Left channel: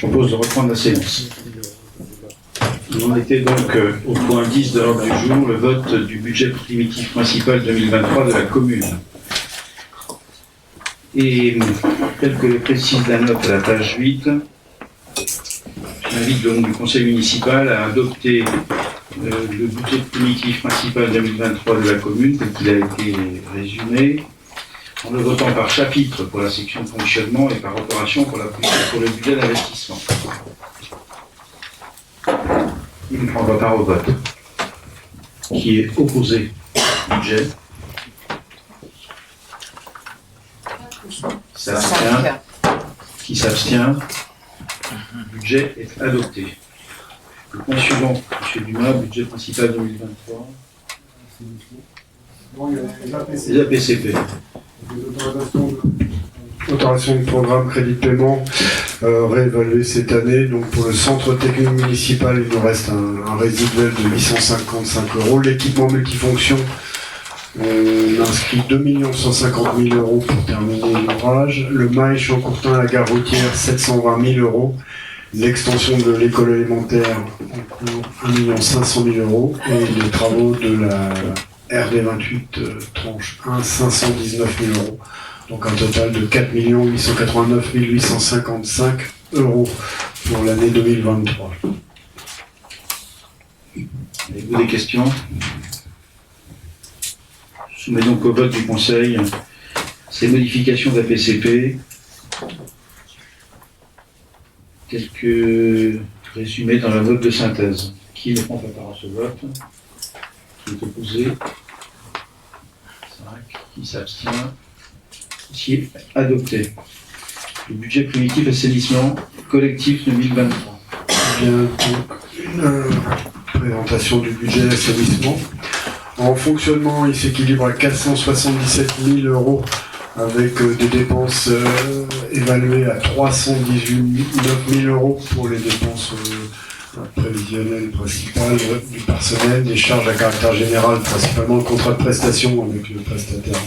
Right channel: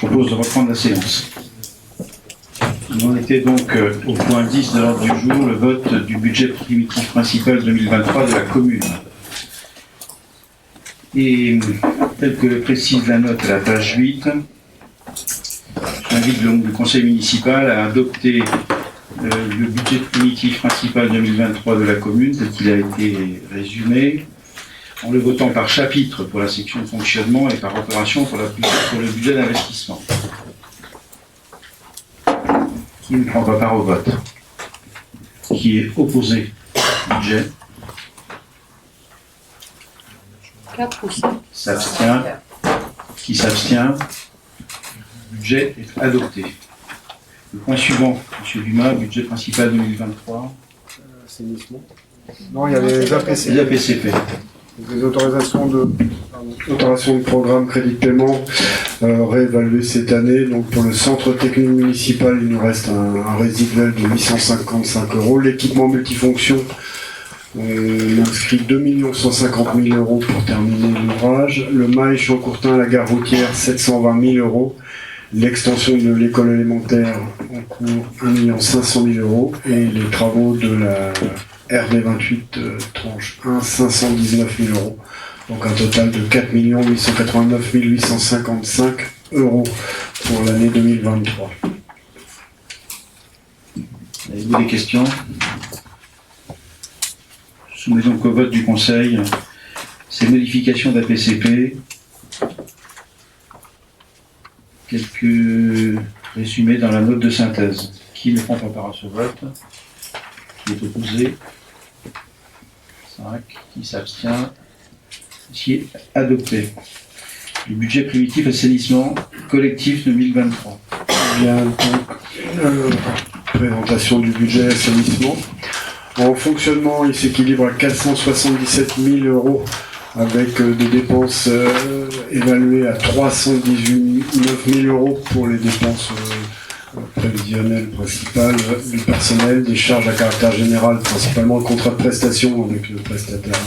propose de reprendre la séance. On en était donc au point 10 de l'ordre du jour, le vote du budget primitif principal 2023 de la commune. Et tel que le précise la note à la page 8, j'invite le conseil municipal à adopter le budget primitif principal 2023 de la commune, tel qu'il a été résumé, en le votant par chapitre pour la section de fonctionnement et par opération pour le budget d'investissement. Qui ne prend pas part au vote? Qui est opposé au budget? 4 ou 5. S'abstient. Qui s'abstient? Le budget est adopté. Le point suivant, M. Dumas, budget principal 2023. Non, il y a les APC. Les APCP. Les autorisations de programme crédit de paiement réévaluées cette année. Donc pour le centre technique municipal, il nous reste un résiduel de 855 €. L'équipement multifonction, on inscrit 2 150 000 € pour terminer l'ouvrage. Le mail Champ-Courtin à la gare routière, 720 000 €. L'extension de l'école élémentaire en cours, 1 500 000 €. Et les travaux de la RD28 tranche 1, 519 000 €. Donc un total de 4 889 855 € pour l'année 2023. Avez-vous des questions? Je soumets donc au vote du Conseil ces modifications d'APCP. Quelques résumés dans la note de synthèse. Qui ne prend pas part à ce vote? Qui est opposé? 5. Qui s'abstient? Qui est adopté. Le budget primitif assainissement collectif 2023. Bien, donc, présentation du budget assainissement. En fonctionnement, il s'équilibre à 477 000 € avec des dépenses évaluées à 319 000 € pour les dépenses prévisionnelles principales du personnel, des charges à caractère général, principalement le contrat de prestation avec le prestataire,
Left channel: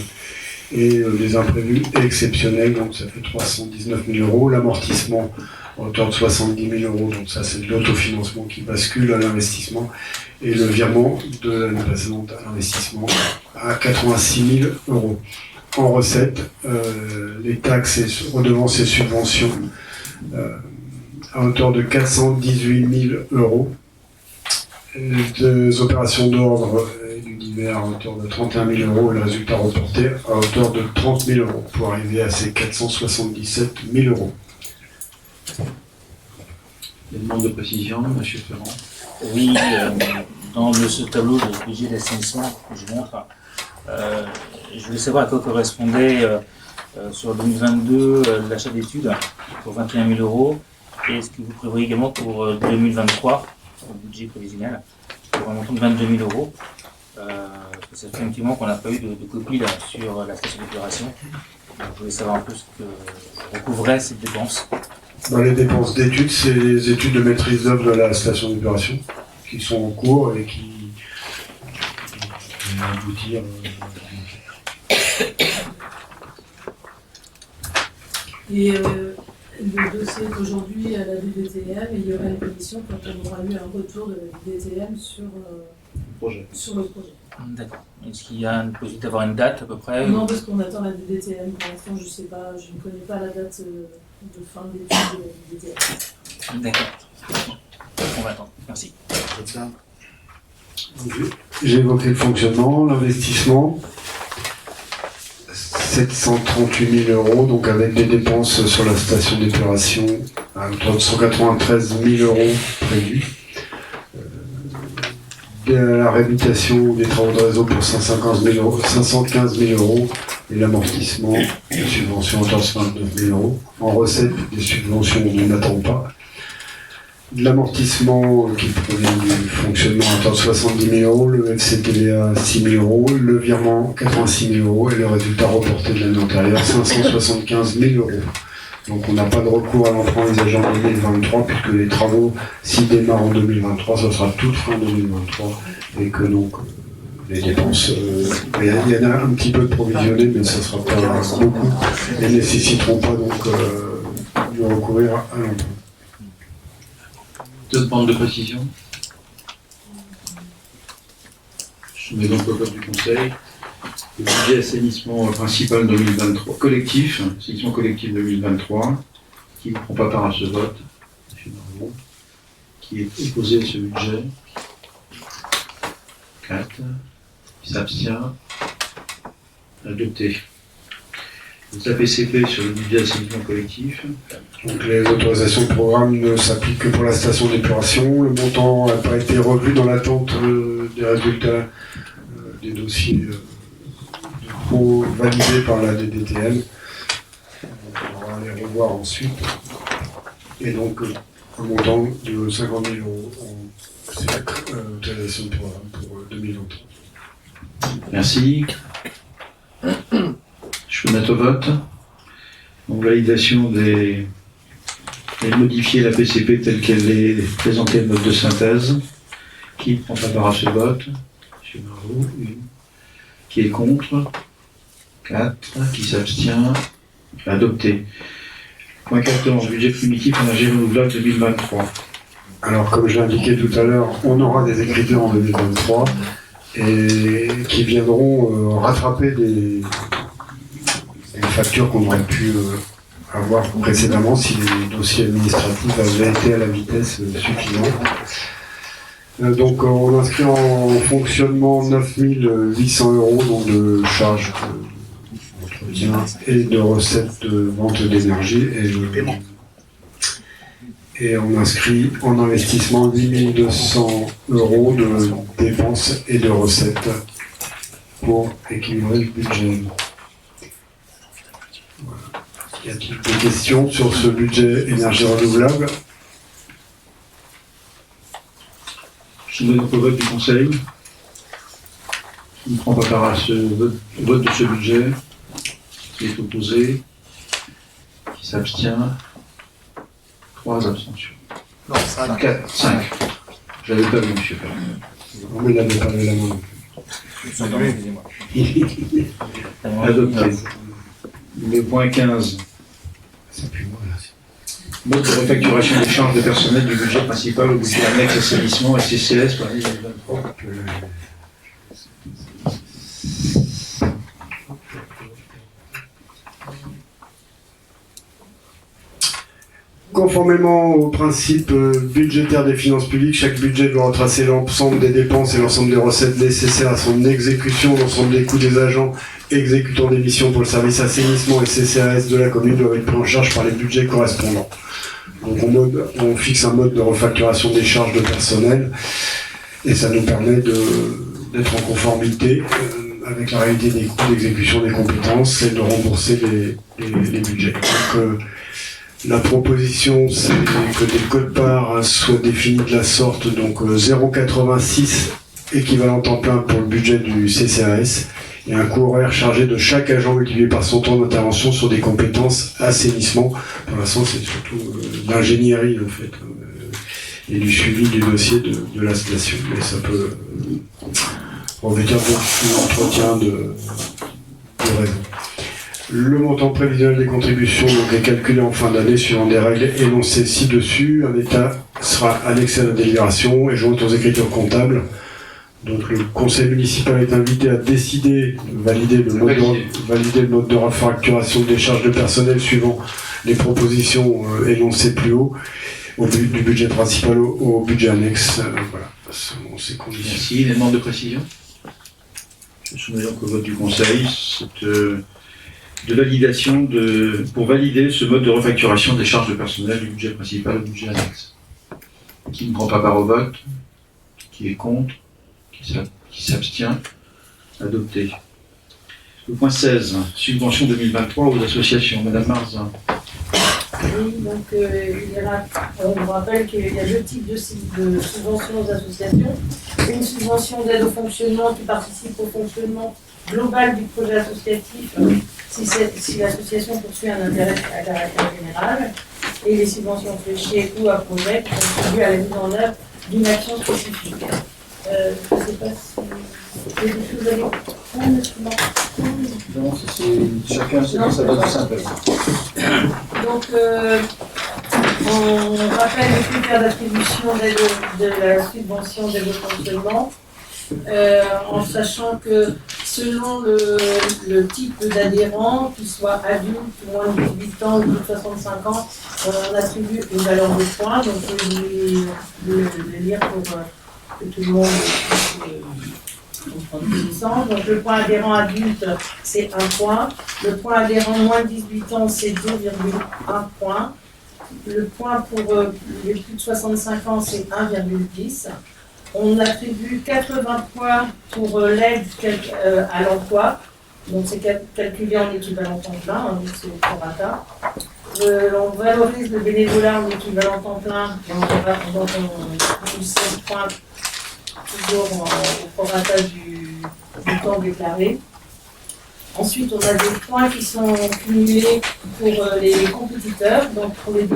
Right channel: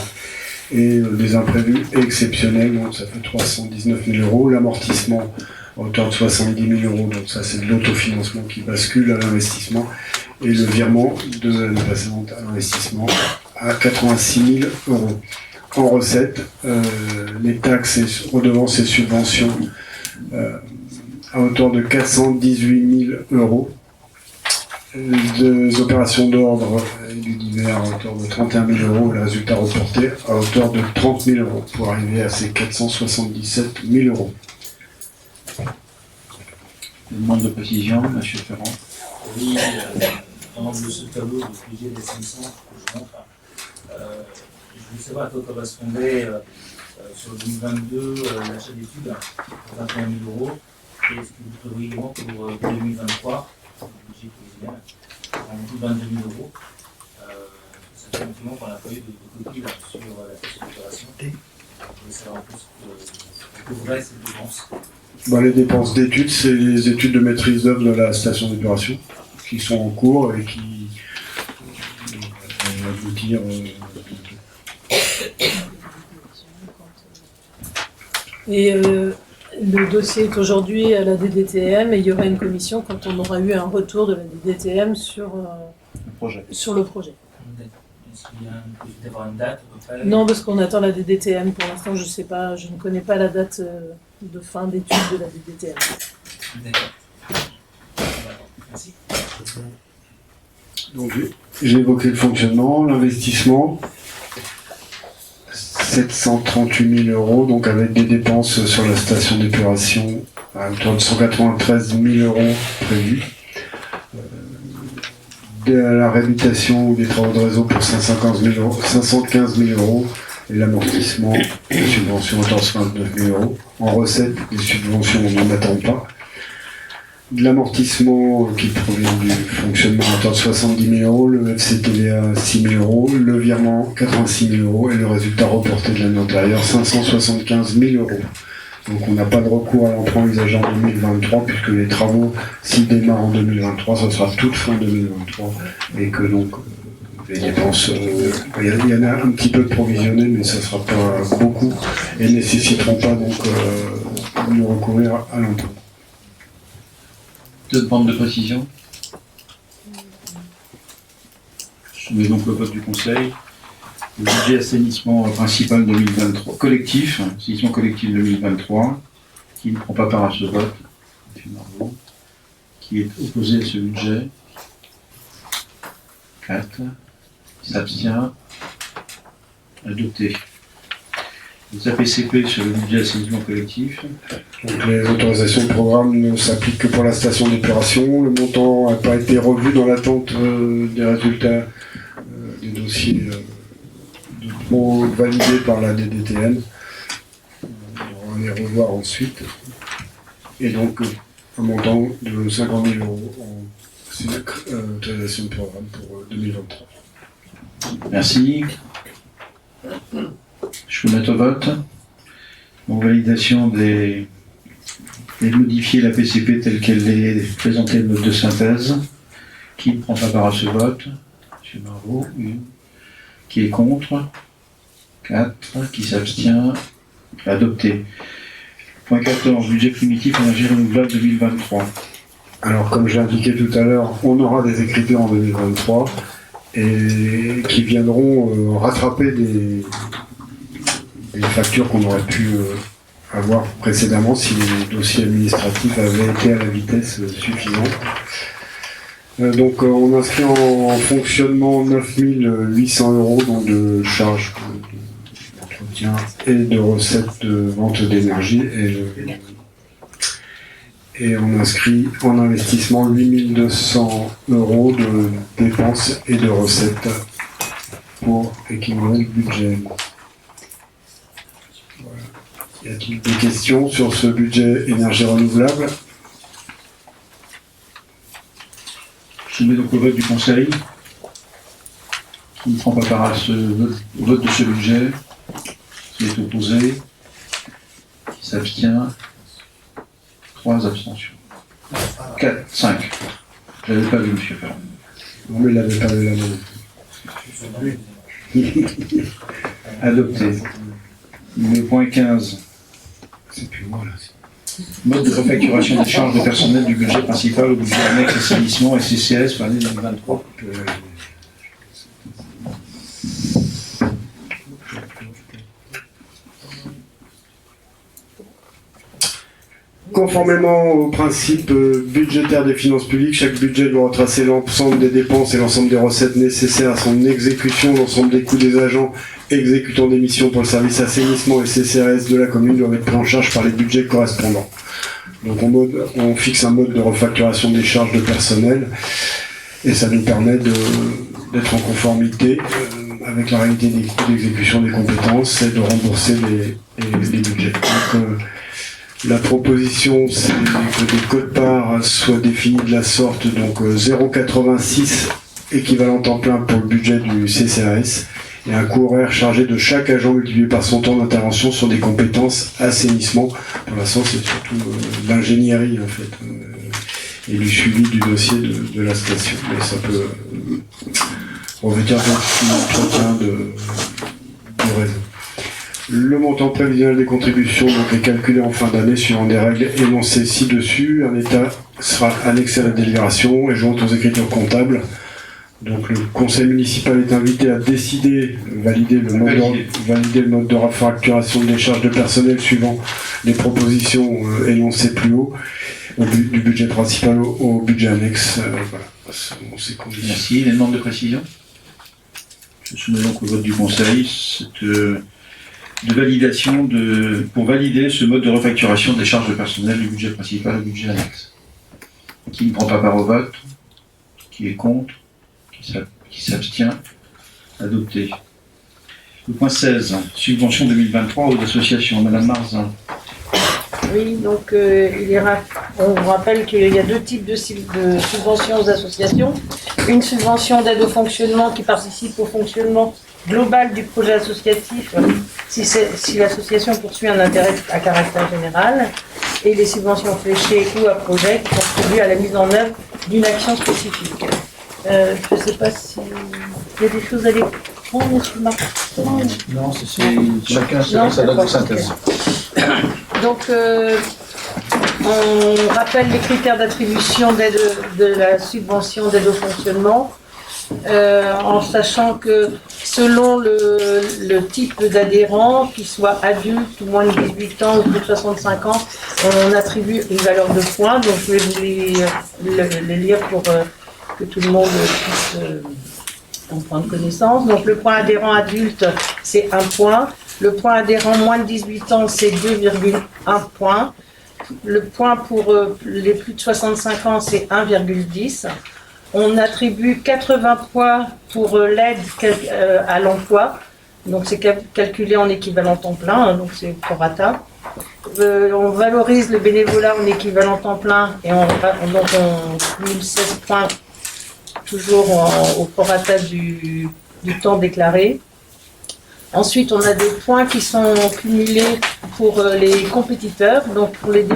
et des imprévus exceptionnels, donc ça fait 319 000 €. L'amortissement à hauteur de 70 000 €, donc ça c'est de l'autofinancement qui bascule à l'investissement, et le virement de l'année précédente à l'investissement à 86 000 €. En recette, les taxes, et redevances et subventions à hauteur de 418 000 €. Des opérations d'ordre et du divers à hauteur de 31 000 € et le résultat reporté à hauteur de 30 000 € pour arriver à ces 477 000 €. Demande de précision, M. Ferrand. Oui, dans ce tableau de budget d'assainissement que je montre, je voulais savoir à quoi correspondait sur 2022 l'achat d'études pour 21 000 € et ce que vous prévoyez également pour 2023, pour le budget prévisionnel, pour un montant de 22 000 €. Ça fait un petit moment qu'on n'a pas eu de copie là, sur la station d'épuration. Je voulais savoir un peu ce que recouvrait cette dépense. Les dépenses d'études, c'est les études de maîtrise d'œuvre de la station d'épuration qui sont en cours et qui vont aboutir. Et le dossier est aujourd'hui à la DDTM et il y aura une commission quand on aura eu un retour de la DDTM sur le projet. D'accord. Est-ce qu'il y a une possibilité d'avoir une date à peu près? Non, parce qu'on attend la DDTM. Pour l'instant, je sais pas, je ne connais pas la date de fin d'études de la DDTM. D'accord. On va attendre. Merci. Donc, j'ai évoqué le fonctionnement, l'investissement. 738 000 €, donc avec des dépenses sur la station d'épuration à hauteur de 193 000 € prévus. De la réhabilitation des travaux de réseau pour 515 000 € et l'amortissement des subventions à hauteur de 29 000 €. En recette, les subventions, on n'en attend pas. De l'amortissement qui provient du fonctionnement à hauteur de 70 000 €, le FCTVA 6 000 €, le virement 86 000 € et le résultat reporté de l'année antérieure 575 000 €. Donc on n'a pas de recours à l'emprunt envisagé en 2023 puisque les travaux, s'ils démarrent en 2023, ce sera toute fin 2023 et que donc les dépenses, il y en a un petit peu de provisionné mais ça ne sera pas beaucoup et ne nécessiteront pas donc de recourir à l'emprunt. Deux demandes de précision. Je soumets donc au vote du Conseil. Le budget assainissement principal 2023, collectif, assainissement collectif 2023, qui ne prend pas part à ce vote, M. Margot, qui est opposé à ce budget. 4. Qui s'abstient. Adopté. Les APCP sur le budget assainissement collectif. Donc les autorisations de programme ne s'appliquent que pour la station d'épuration. Le montant n'a pas été revu dans l'attente des résultats des dossiers validés par la DDTM. On va les revoir ensuite. Et donc un montant de 50 000 € en autorisation de programme pour 2023. Merci. Je vous mets au vote. Donc, validation des modifier la PCP telle qu'elle est présentée de note de synthèse. Qui ne prend pas part à ce vote? M. Margot. 1. Qui est contre? 4. Qui s'abstient? Adopté. Point 14. Budget primitif énergie renouvelable 2023. Alors, comme je l'ai indiqué tout à l'heure, on aura des écritures en 2023 et qui viendront rattraper des factures qu'on aurait pu avoir précédemment si les dossiers administratifs avaient été à la vitesse suffisante. Donc on inscrit en fonctionnement 9 800 € donc de charges d'entretien et de recettes de vente d'énergie et on inscrit en investissement 8 200 € de dépenses et de recettes pour équilibrer le budget. Y a-t-il des questions sur ce budget énergie renouvelable? Je mets donc au vote du Conseil. Qui ne prend pas part à ce vote de ce budget? Qui est opposé? Qui s'abstient? 3 abstentions. Non, ça, là. 4, 5. Je l'avais pas vu, M. Ferrand. Non mais il n'avait pas levé la main. Adopté. Le point 15. C'est plus moi là. Mode de refacturation des charges de personnel du budget principal au budget annexe assainissement et CCS pour l'année 2023. Conformément au principe budgétaire des finances publiques, chaque budget doit retracer l'ensemble des dépenses et l'ensemble des recettes nécessaires à son exécution. L'ensemble des coûts des agents exécutant des missions pour le service assainissement et CCAS de la commune doivent être pris en charge par les budgets correspondants. Donc on fixe un mode de refacturation des charges de personnel et ça nous permet d'être en conformité avec la réalité des coûts d'exécution des compétences et de rembourser les budgets. Donc, la proposition, c'est que des quotes-parts soient définis de la sorte, donc 0,86 équivalent temps plein pour le budget du CCAS et un coût horaire chargé de chaque agent multiplié par son temps d'intervention sur des compétences assainissement. Pour l'instant, c'est surtout l'ingénierie en fait et du suivi du dossier de la station. Et ça peut revêtir l'entretien du réseau. Le montant prévisionnel des contributions est calculé en fin d'année suivant des règles énoncées ci-dessus. Un état sera annexé à la délibération et joint aux écritures comptables. Donc le conseil municipal est invité à décider, valider le mode de refacturation des charges de personnel suivant les propositions énoncées plus haut, du budget principal au budget annexe. Voilà, selon ces conditions. Merci. Les demandes de précision? Je soumets donc au vote du Conseil de validation pour valider ce mode de refacturation des charges de personnel du budget principal au budget annexe. Qui ne prend pas part au vote? Qui est contre? Qui s'abstient? Adopté. Le point 16, subvention 2023 aux associations. Madame Marzin. Oui, donc on vous rappelle qu'il y a deux types de subventions aux associations. Une subvention d'aide au fonctionnement qui participe au fonctionnement global du projet associatif si l'association poursuit un intérêt à caractère général, et les subventions fléchées ou à projet qui contribuent à la mise en œuvre d'une action spécifique. Je ne sais pas si il y a des choses à les prendre, monsieur Martin. Non, c'est chacun sa note de synthèse. Donc, On rappelle les critères d'attribution de la subvention d'aide au fonctionnement, en sachant que selon le type d'adhérent, qu'il soit adulte ou moins de 18 ans ou plus de 65 ans, on attribue une valeur de points. Donc je vais vous les lire pour que tout le monde puisse en prendre connaissance. Donc le point adhérent adulte, c'est 1 point. Le point adhérent moins de 18 ans, c'est 2,1 points. Le point pour les plus de 65 ans, c'est 1,10. On attribue 80 points pour l'aide à l'emploi. Donc c'est calculé en équivalent temps plein, donc c'est au prorata. On valorise le bénévolat en équivalent temps plein et on cumule 16 points toujours au prorata du temps déclaré. Ensuite, on a des points qui sont cumulés pour les compétiteurs. Donc, pour les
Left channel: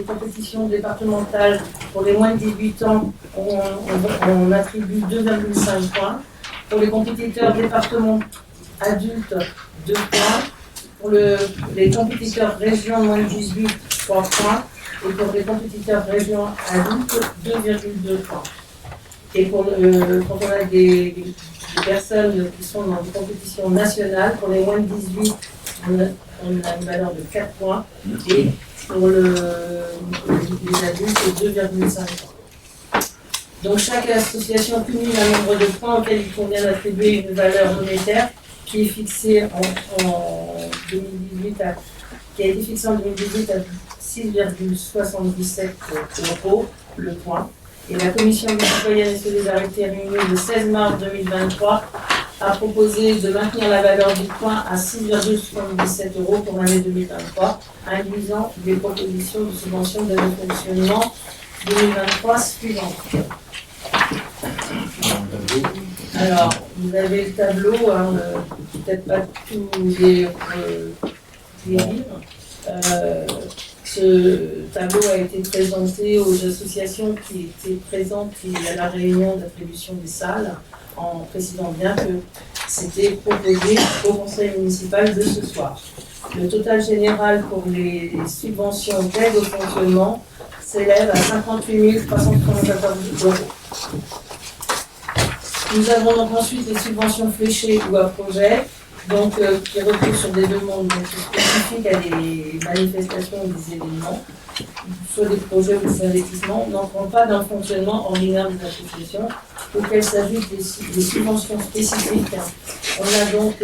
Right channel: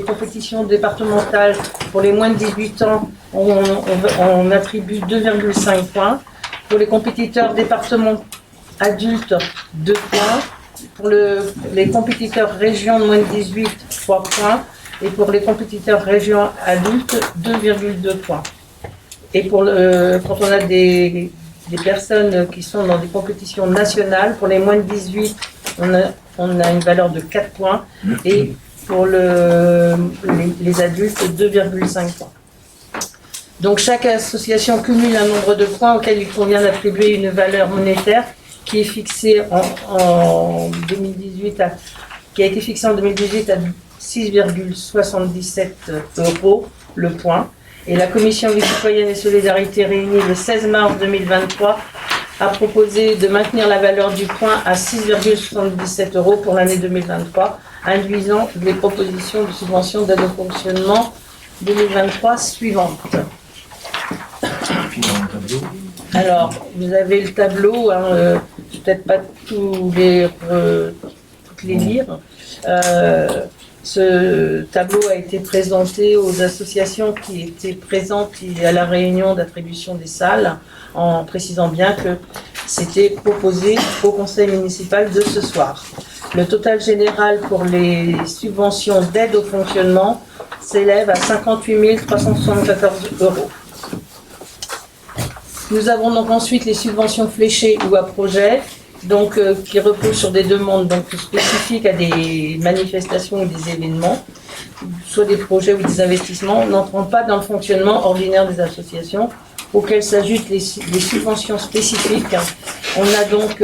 compétitions départementales, pour les moins de 18 ans, on attribue 2,5 points. Pour les compétiteurs départementaux adultes, 2 points. Pour les compétiteurs régions de moins de 18, 3 points. Et pour les compétiteurs régions adultes, 2,2 points. Et quand on a des personnes qui sont dans des compétitions nationales, pour les moins de 18, on a une valeur de 4 points. Et pour les adultes, 2,5 points. Donc chaque association cumule un nombre de points auquel il convient d'attribuer une valeur monétaire qui est fixée en 2018 qui a été fixée en 2018 à 6,77 € le point. Et la Commission Vie citoyenne et solidarité réunie le 16 mars 2023 a proposé de maintenir la valeur du point à 6,77 € pour l'année 2023, induisant les propositions de subvention d'aide au fonctionnement 2023 suivantes. Alors, vous avez le tableau, peut-être pas toutes les lire. Ce tableau a été présenté aux associations qui étaient présentes à la réunion d'attribution des salles, en précisant bien que c'était proposé au conseil municipal de ce soir. Le total général pour les subventions d'aide au fonctionnement s'élève à 58 374 €. Nous avons donc ensuite les subventions fléchées ou à projet, donc qui reposent sur des demandes donc spécifiques à des manifestations ou des événements, soit des projets ou des investissements, n'entrant pas dans le fonctionnement ordinaire des associations, auxquelles s'ajoutent les subventions spécifiques. On a donc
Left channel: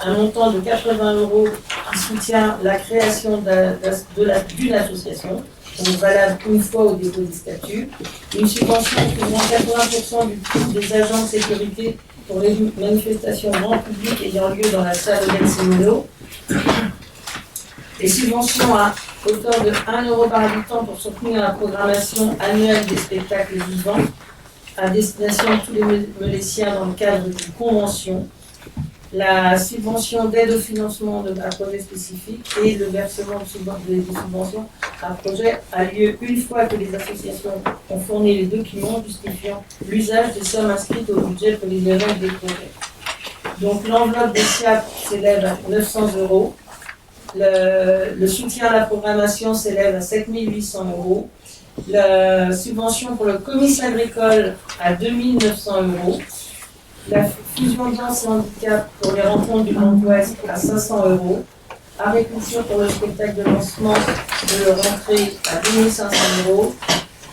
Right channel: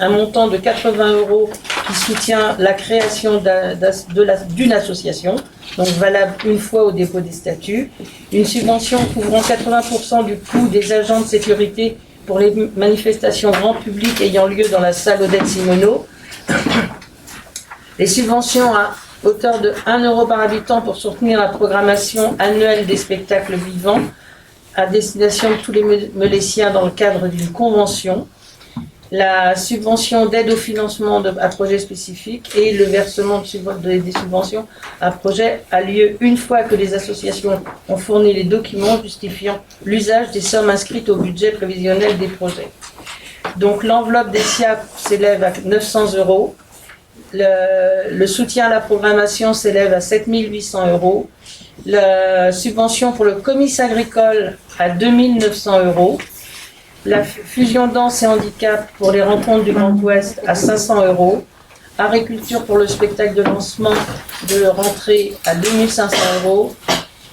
un montant de 80 € qui soutient la création d'une association, donc valable une fois au dépôt des statuts, une subvention couvrant 80% du coût des agents de sécurité pour les manifestations grand public ayant lieu dans la salle Odette Simoneau, les subventions à hauteur de 1 € par habitant pour soutenir la programmation annuelle des spectacles vivants à destination de tous les Meléciens dans le cadre d'une convention, la subvention d'aide au financement à projets spécifiques et le versement des subventions à projets a lieu une fois que les associations ont fourni les documents justifiant l'usage des sommes inscrites au budget prévisionnel des projets. Donc l'enveloppe des SIAP s'élève à 900 €, le soutien à la programmation s'élève à 7 800 €, la subvention pour le comice agricole à 2 900 €, la fusion danse et handicap pour les rencontres du Grand Ouest à 500 €, agriculture pour le spectacle de lancement de rentrée à 2 500 €,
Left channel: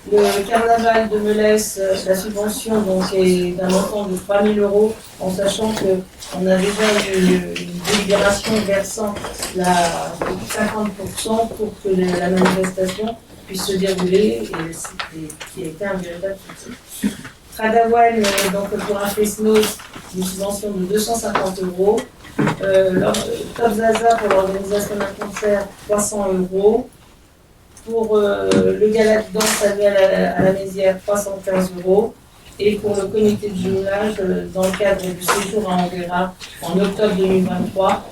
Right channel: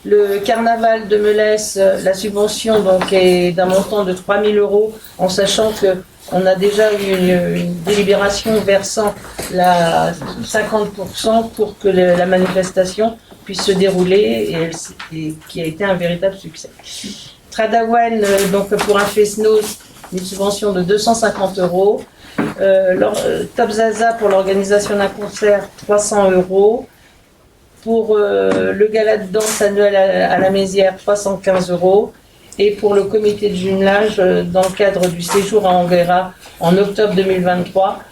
le carnaval de Melesse, la subvention donc est d'un montant de 3 000 €, en sachant qu'on a déjà une délibération versant 50% pour que la manifestation puisse se dérouler et qui a été un véritable succès. Tradawen, donc pour un FESNOS, une subvention de 250 €. Top Zaza pour l'organisation d'un concert, 300 €. Pour le gala de danse annuel à la Mézière, 315 €. Et pour le comité de jumelage, dans le cadre du séjour à Anguera en octobre 2023,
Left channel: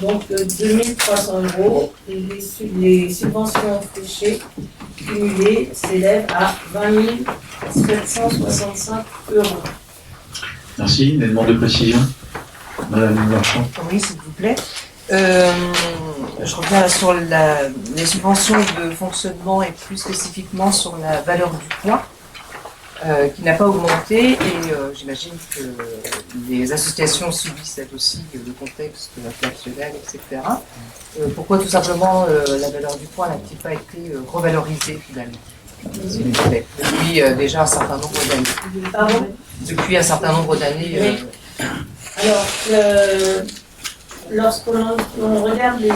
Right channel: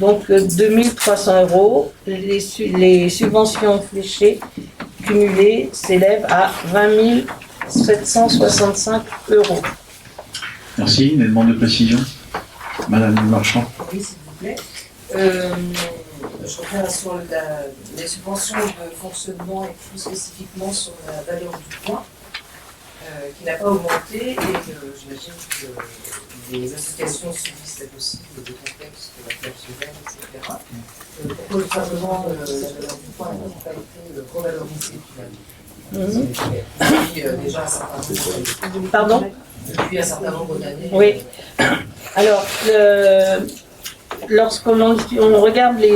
donc 2300 €. Les subventions fléchées cumulées s'élèvent à 20 765 €. Merci. Une demande de précision. Madame Marchand. Oui, s'il vous plaît. Je reviens sur les subventions de fonctionnement et plus spécifiquement sur la valeur du point, qui n'a pas augmenté et j'imagine que les associations subissent elles aussi le contexte inflationnel, etc. Pourquoi tout simplement la valeur du point n'a-t-il pas été revalorisée finalement depuis déjà un certain nombre d'années? Pardon? Depuis un certain nombre d'années. Oui. Alors, lorsqu'on regarde les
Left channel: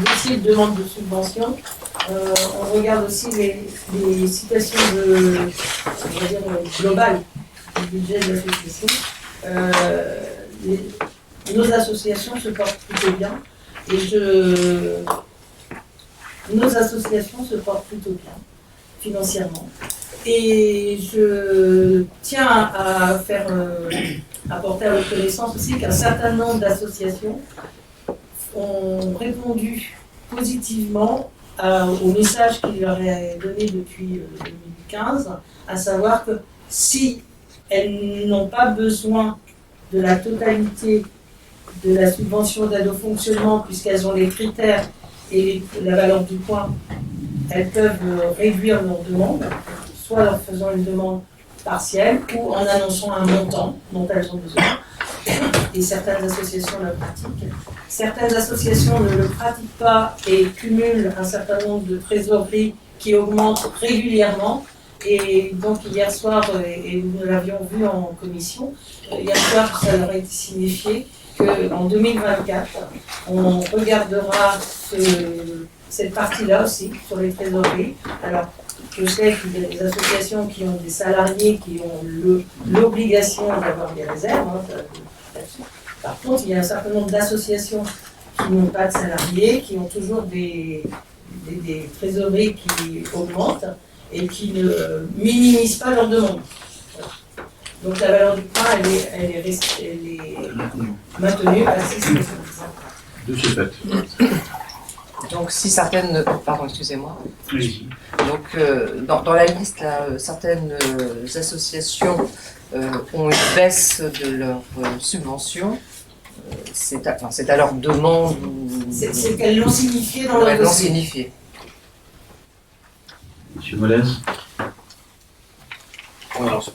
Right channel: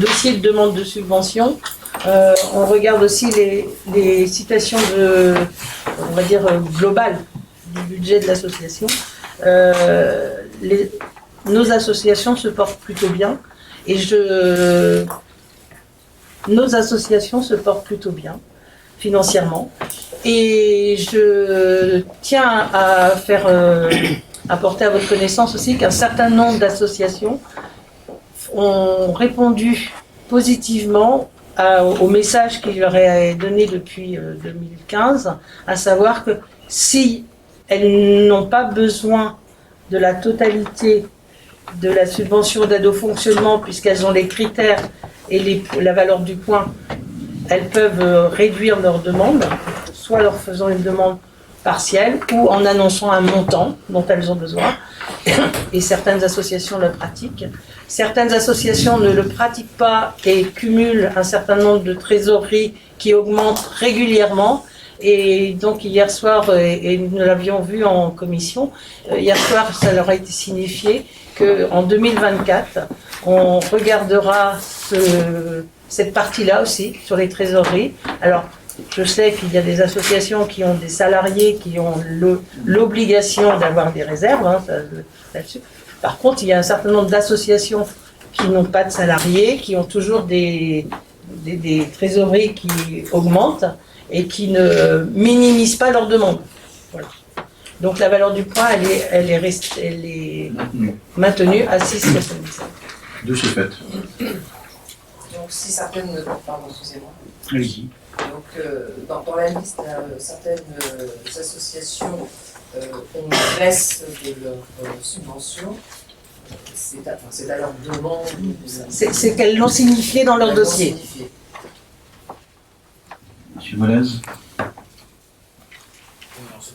dossiers de demande de subvention, on regarde aussi les citations on va dire, globales du budget de l'association. Nos associations se portent plutôt bien et nos associations se portent plutôt bien financièrement. Et je tiens à faire apporter à votre connaissance aussi qu'un certain nombre d'associations ont répondu positivement au message qu'il leur est donné depuis 2015, à savoir que si elles n'ont pas besoin de la totalité de la subvention d'aide au fonctionnement, puisqu'elles ont les critères et la valeur du point, elles peuvent réduire leur demande, soit en faisant une demande partielle ou en annonçant un montant dont elles ont besoin. Et certaines associations le pratiquent. Certaines associations ne le pratiquent pas et cumulent un certain nombre de trésoreries qui augmentent régulièrement. Et donc hier soir, et nous l'avions vu en commission, hier soir ça leur a été signifié qu'en 2024, on regardera cette partie-là aussi, sur les trésoreries. Alors, je sais qu'il y a des associations qui ont des salariés qui ont l'obligation d'avoir des réserves là-dessus. Par contre, il y a un certain nombre d'associations qui n'ont pas de salariés, qui ont toujours des trésoreries qui augmentent et qui ne minimisent pas leurs demandes. Voilà. Donc la valeur du point, elle est maintenue à 6,77. De ce fait. Donc si certaines... Pardon, excusez-moi. Allez-y. Donc dans la liste, là, certaines associations ont une baisse de leur subvention. C'est à leur demande. C'est qu'elles l'ont signifié dans leur dossier. Signifié. Monsieur Molez. Alors, c'est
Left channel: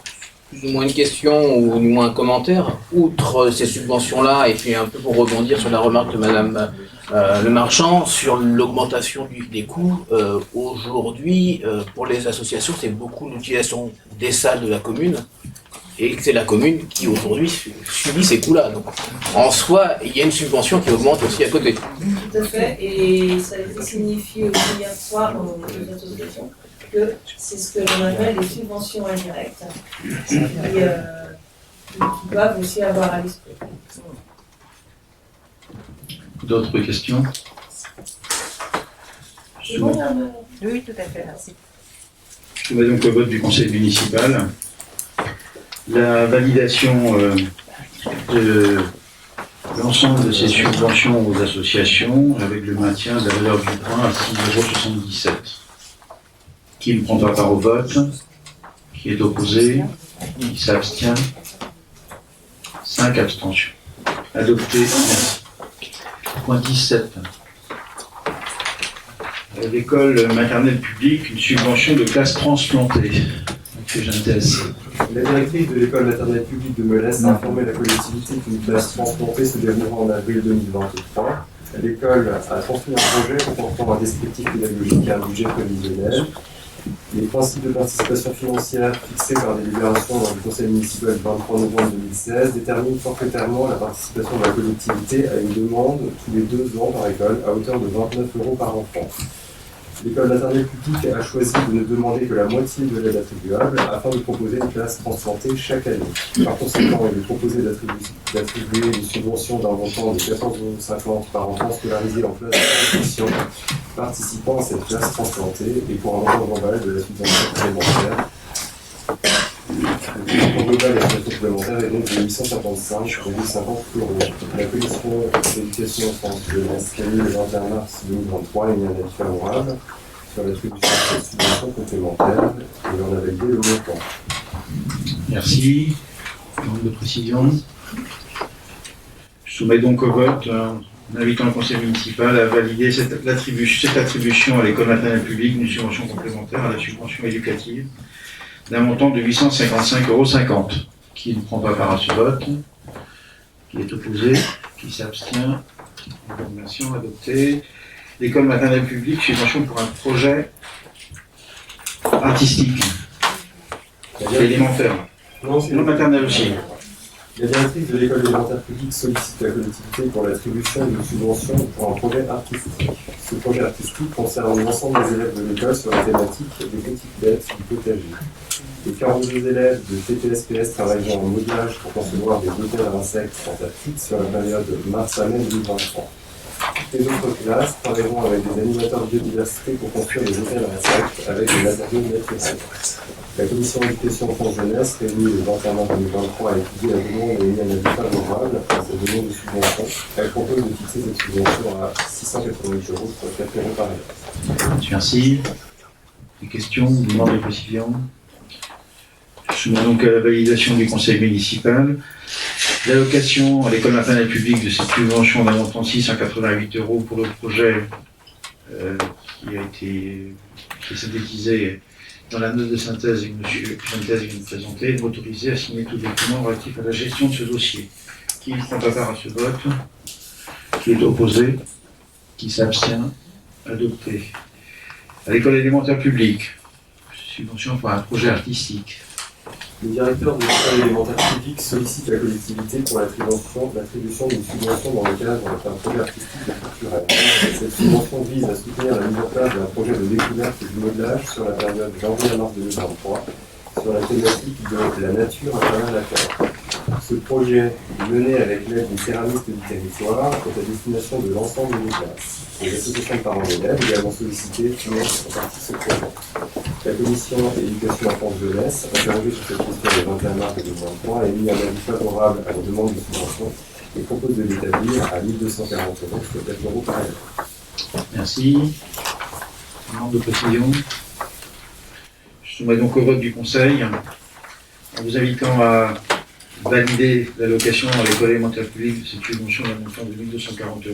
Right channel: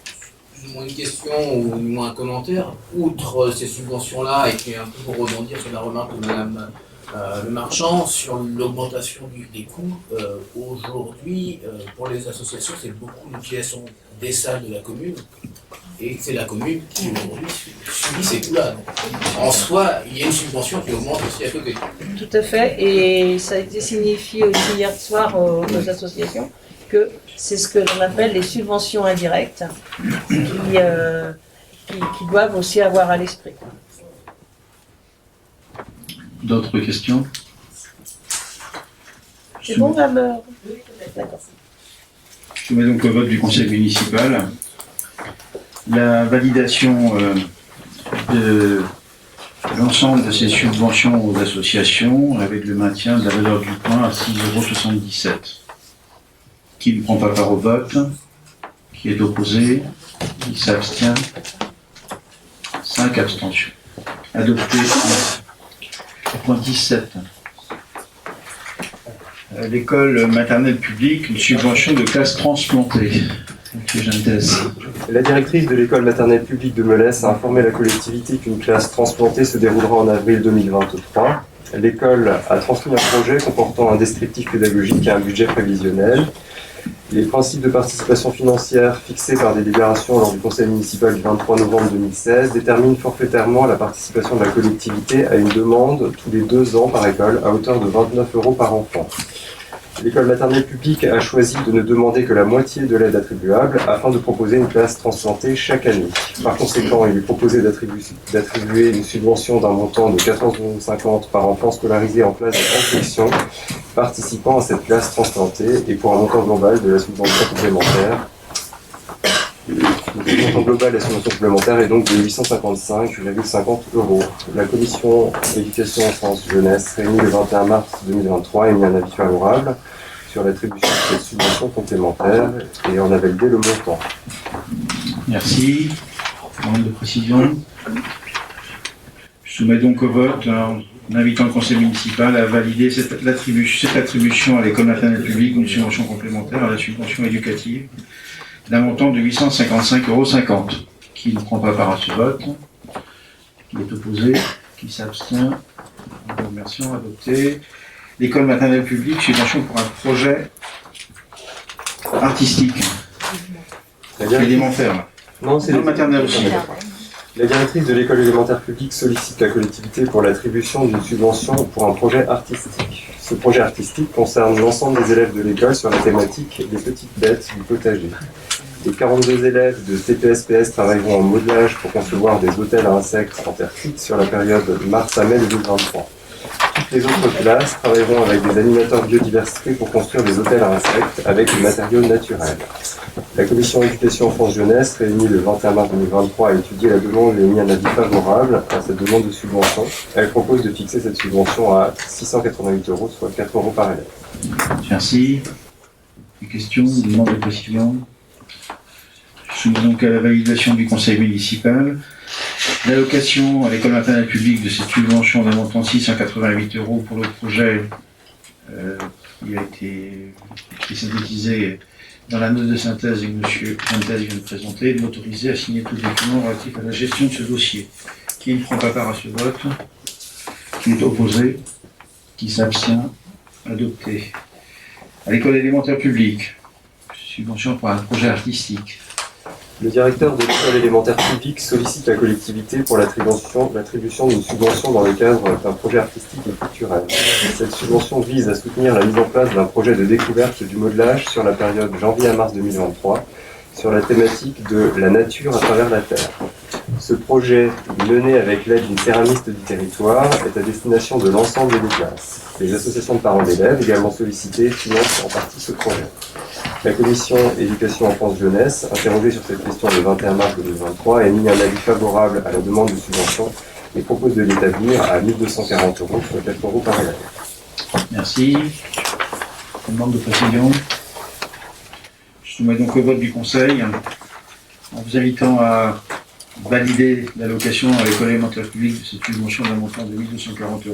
plus ou moins une question ou du moins un commentaire. Outre ces subventions-là, et puis un peu pour rebondir sur la remarque de Madame Le Marchand, sur l'augmentation des coûts, aujourd'hui, pour les associations, c'est beaucoup l'utilisation des salles de la commune, et c'est la commune qui aujourd'hui subit ces coûts-là. Donc, en soi, il y a une subvention qui augmente aussi à côté. Tout à fait, et ça a été signifié aussi hier soir aux associations que c'est ce que l'on appelle les subventions indirectes qui doivent aussi avoir à l'esprit. D'autres questions? C'est bon, madame? Oui, tout à fait, merci. Je soumets donc au vote du conseil municipal la validation de l'ensemble de ces subventions aux associations avec le maintien de la valeur du point à 6,77 €. Qui ne prend pas part au vote? Qui est opposé? Qui s'abstient? 5 abstentions. Adopté. Point 17. L'école maternelle publique, une subvention de classe transplantée. Monsieur Gentès. La directrice de l'école maternelle publique de Melès a informé la collectivité qu'une classe transplantée se déroulera en avril 2023. L'école a transmis un projet comportant un descriptif pédagogique et un budget prévisionnel. Les principes de participation financière fixés par délibération lors du conseil municipal du 23 novembre 2016 déterminent forfaitairement la participation de la collectivité à une demande tous les 2 ans par école à hauteur de 29 € par enfant. L'école maternelle publique a choisi de ne demander que la moitié de l'aide attribuable afin de proposer une classe transplantée chaque année. Par conséquent, il est proposé d'attribuer une subvention d'un montant de 14,50 € par enfant scolarisé en classe de confection participant à cette classe transplantée et pour un montant global de la subvention complémentaire. Le montant global de la subvention complémentaire est donc de 855,50 €. La commission éducation, sciences, jeunesse, réunie le 21 mars 2023, a émis un avis favorable sur l'attribution de cette subvention complémentaire et en a validé le montant. Merci. Demande de précision. Je soumets donc au vote en invitant le conseil municipal à valider cette attribution à l'école maternelle publique d'une subvention complémentaire à la subvention éducative d'un montant de 855,50 €. Qui ne prend pas part à ce vote? Qui est opposé? Qui s'abstient? Merci, adopté. L'école maternelle publique, subvention pour un projet artistique. Élémentaire. Non, c'est Non, maternelle aussi. La directrice de l'école élémentaire publique sollicite la collectivité pour l'attribution d'une subvention pour un projet artistique. Ce projet artistique concerne l'ensemble des élèves de l'école sur la thématique des petites bêtes du potager. Les 42 élèves de TPS-PS travailleront en modelage pour concevoir des hôtels à insectes en terre cuite sur la période mars à mai 2023. Toutes les autres classes travailleront avec des animateurs biodiversité pour construire des hôtels à insectes avec des matériaux naturels. La commission éducation France Jeunesse, réunie le 21 mars 2023, a étudié la demande et émis un avis favorable à cette demande de subvention. Elle propose de fixer cette subvention à 688 €, soit 4 € par élève. Merci. Des questions ou demandes de précision? Je soumets donc à la validation du conseil municipal l'allocation à l'école maternelle publique de cette subvention d'un montant de 688 € pour le projet qui a été synthétisé dans la note de synthèse que M. Fuentes vient de présenter, de m'autoriser à signer tout document relatif à la gestion de ce dossier. Qui ne prend pas part à ce vote? Qui est opposé? Qui s'abstient? Adopté. À l'école élémentaire publique, subvention pour un projet artistique. Le directeur de l'école élémentaire publique sollicite la collectivité pour l'attribution d'une subvention dans le cadre d'un projet artistique et culturel. Cette subvention vise à soutenir la mise en place d'un projet de découverte et du modelage sur la période janvier à mars 2023 sur la thématique de la nature à travers la Terre. Ce projet, mené avec l'aide d'une céramiste du territoire, est à destination de l'ensemble des classes. Les associations de parents d'élèves, également sollicitées, financent en partie ce projet. La commission éducation enfance jeunesse, interrogée sur cette question le 21 mars 2023, a émis un avis favorable à la demande de subvention et propose de l'établir à 1 240 €, soit 4 € par élève. Merci. Demande de précision. Je soumets donc au vote du conseil en vous invitant à valider l'allocation à l'école élémentaire publique de cette subvention d'un montant de 1 240 €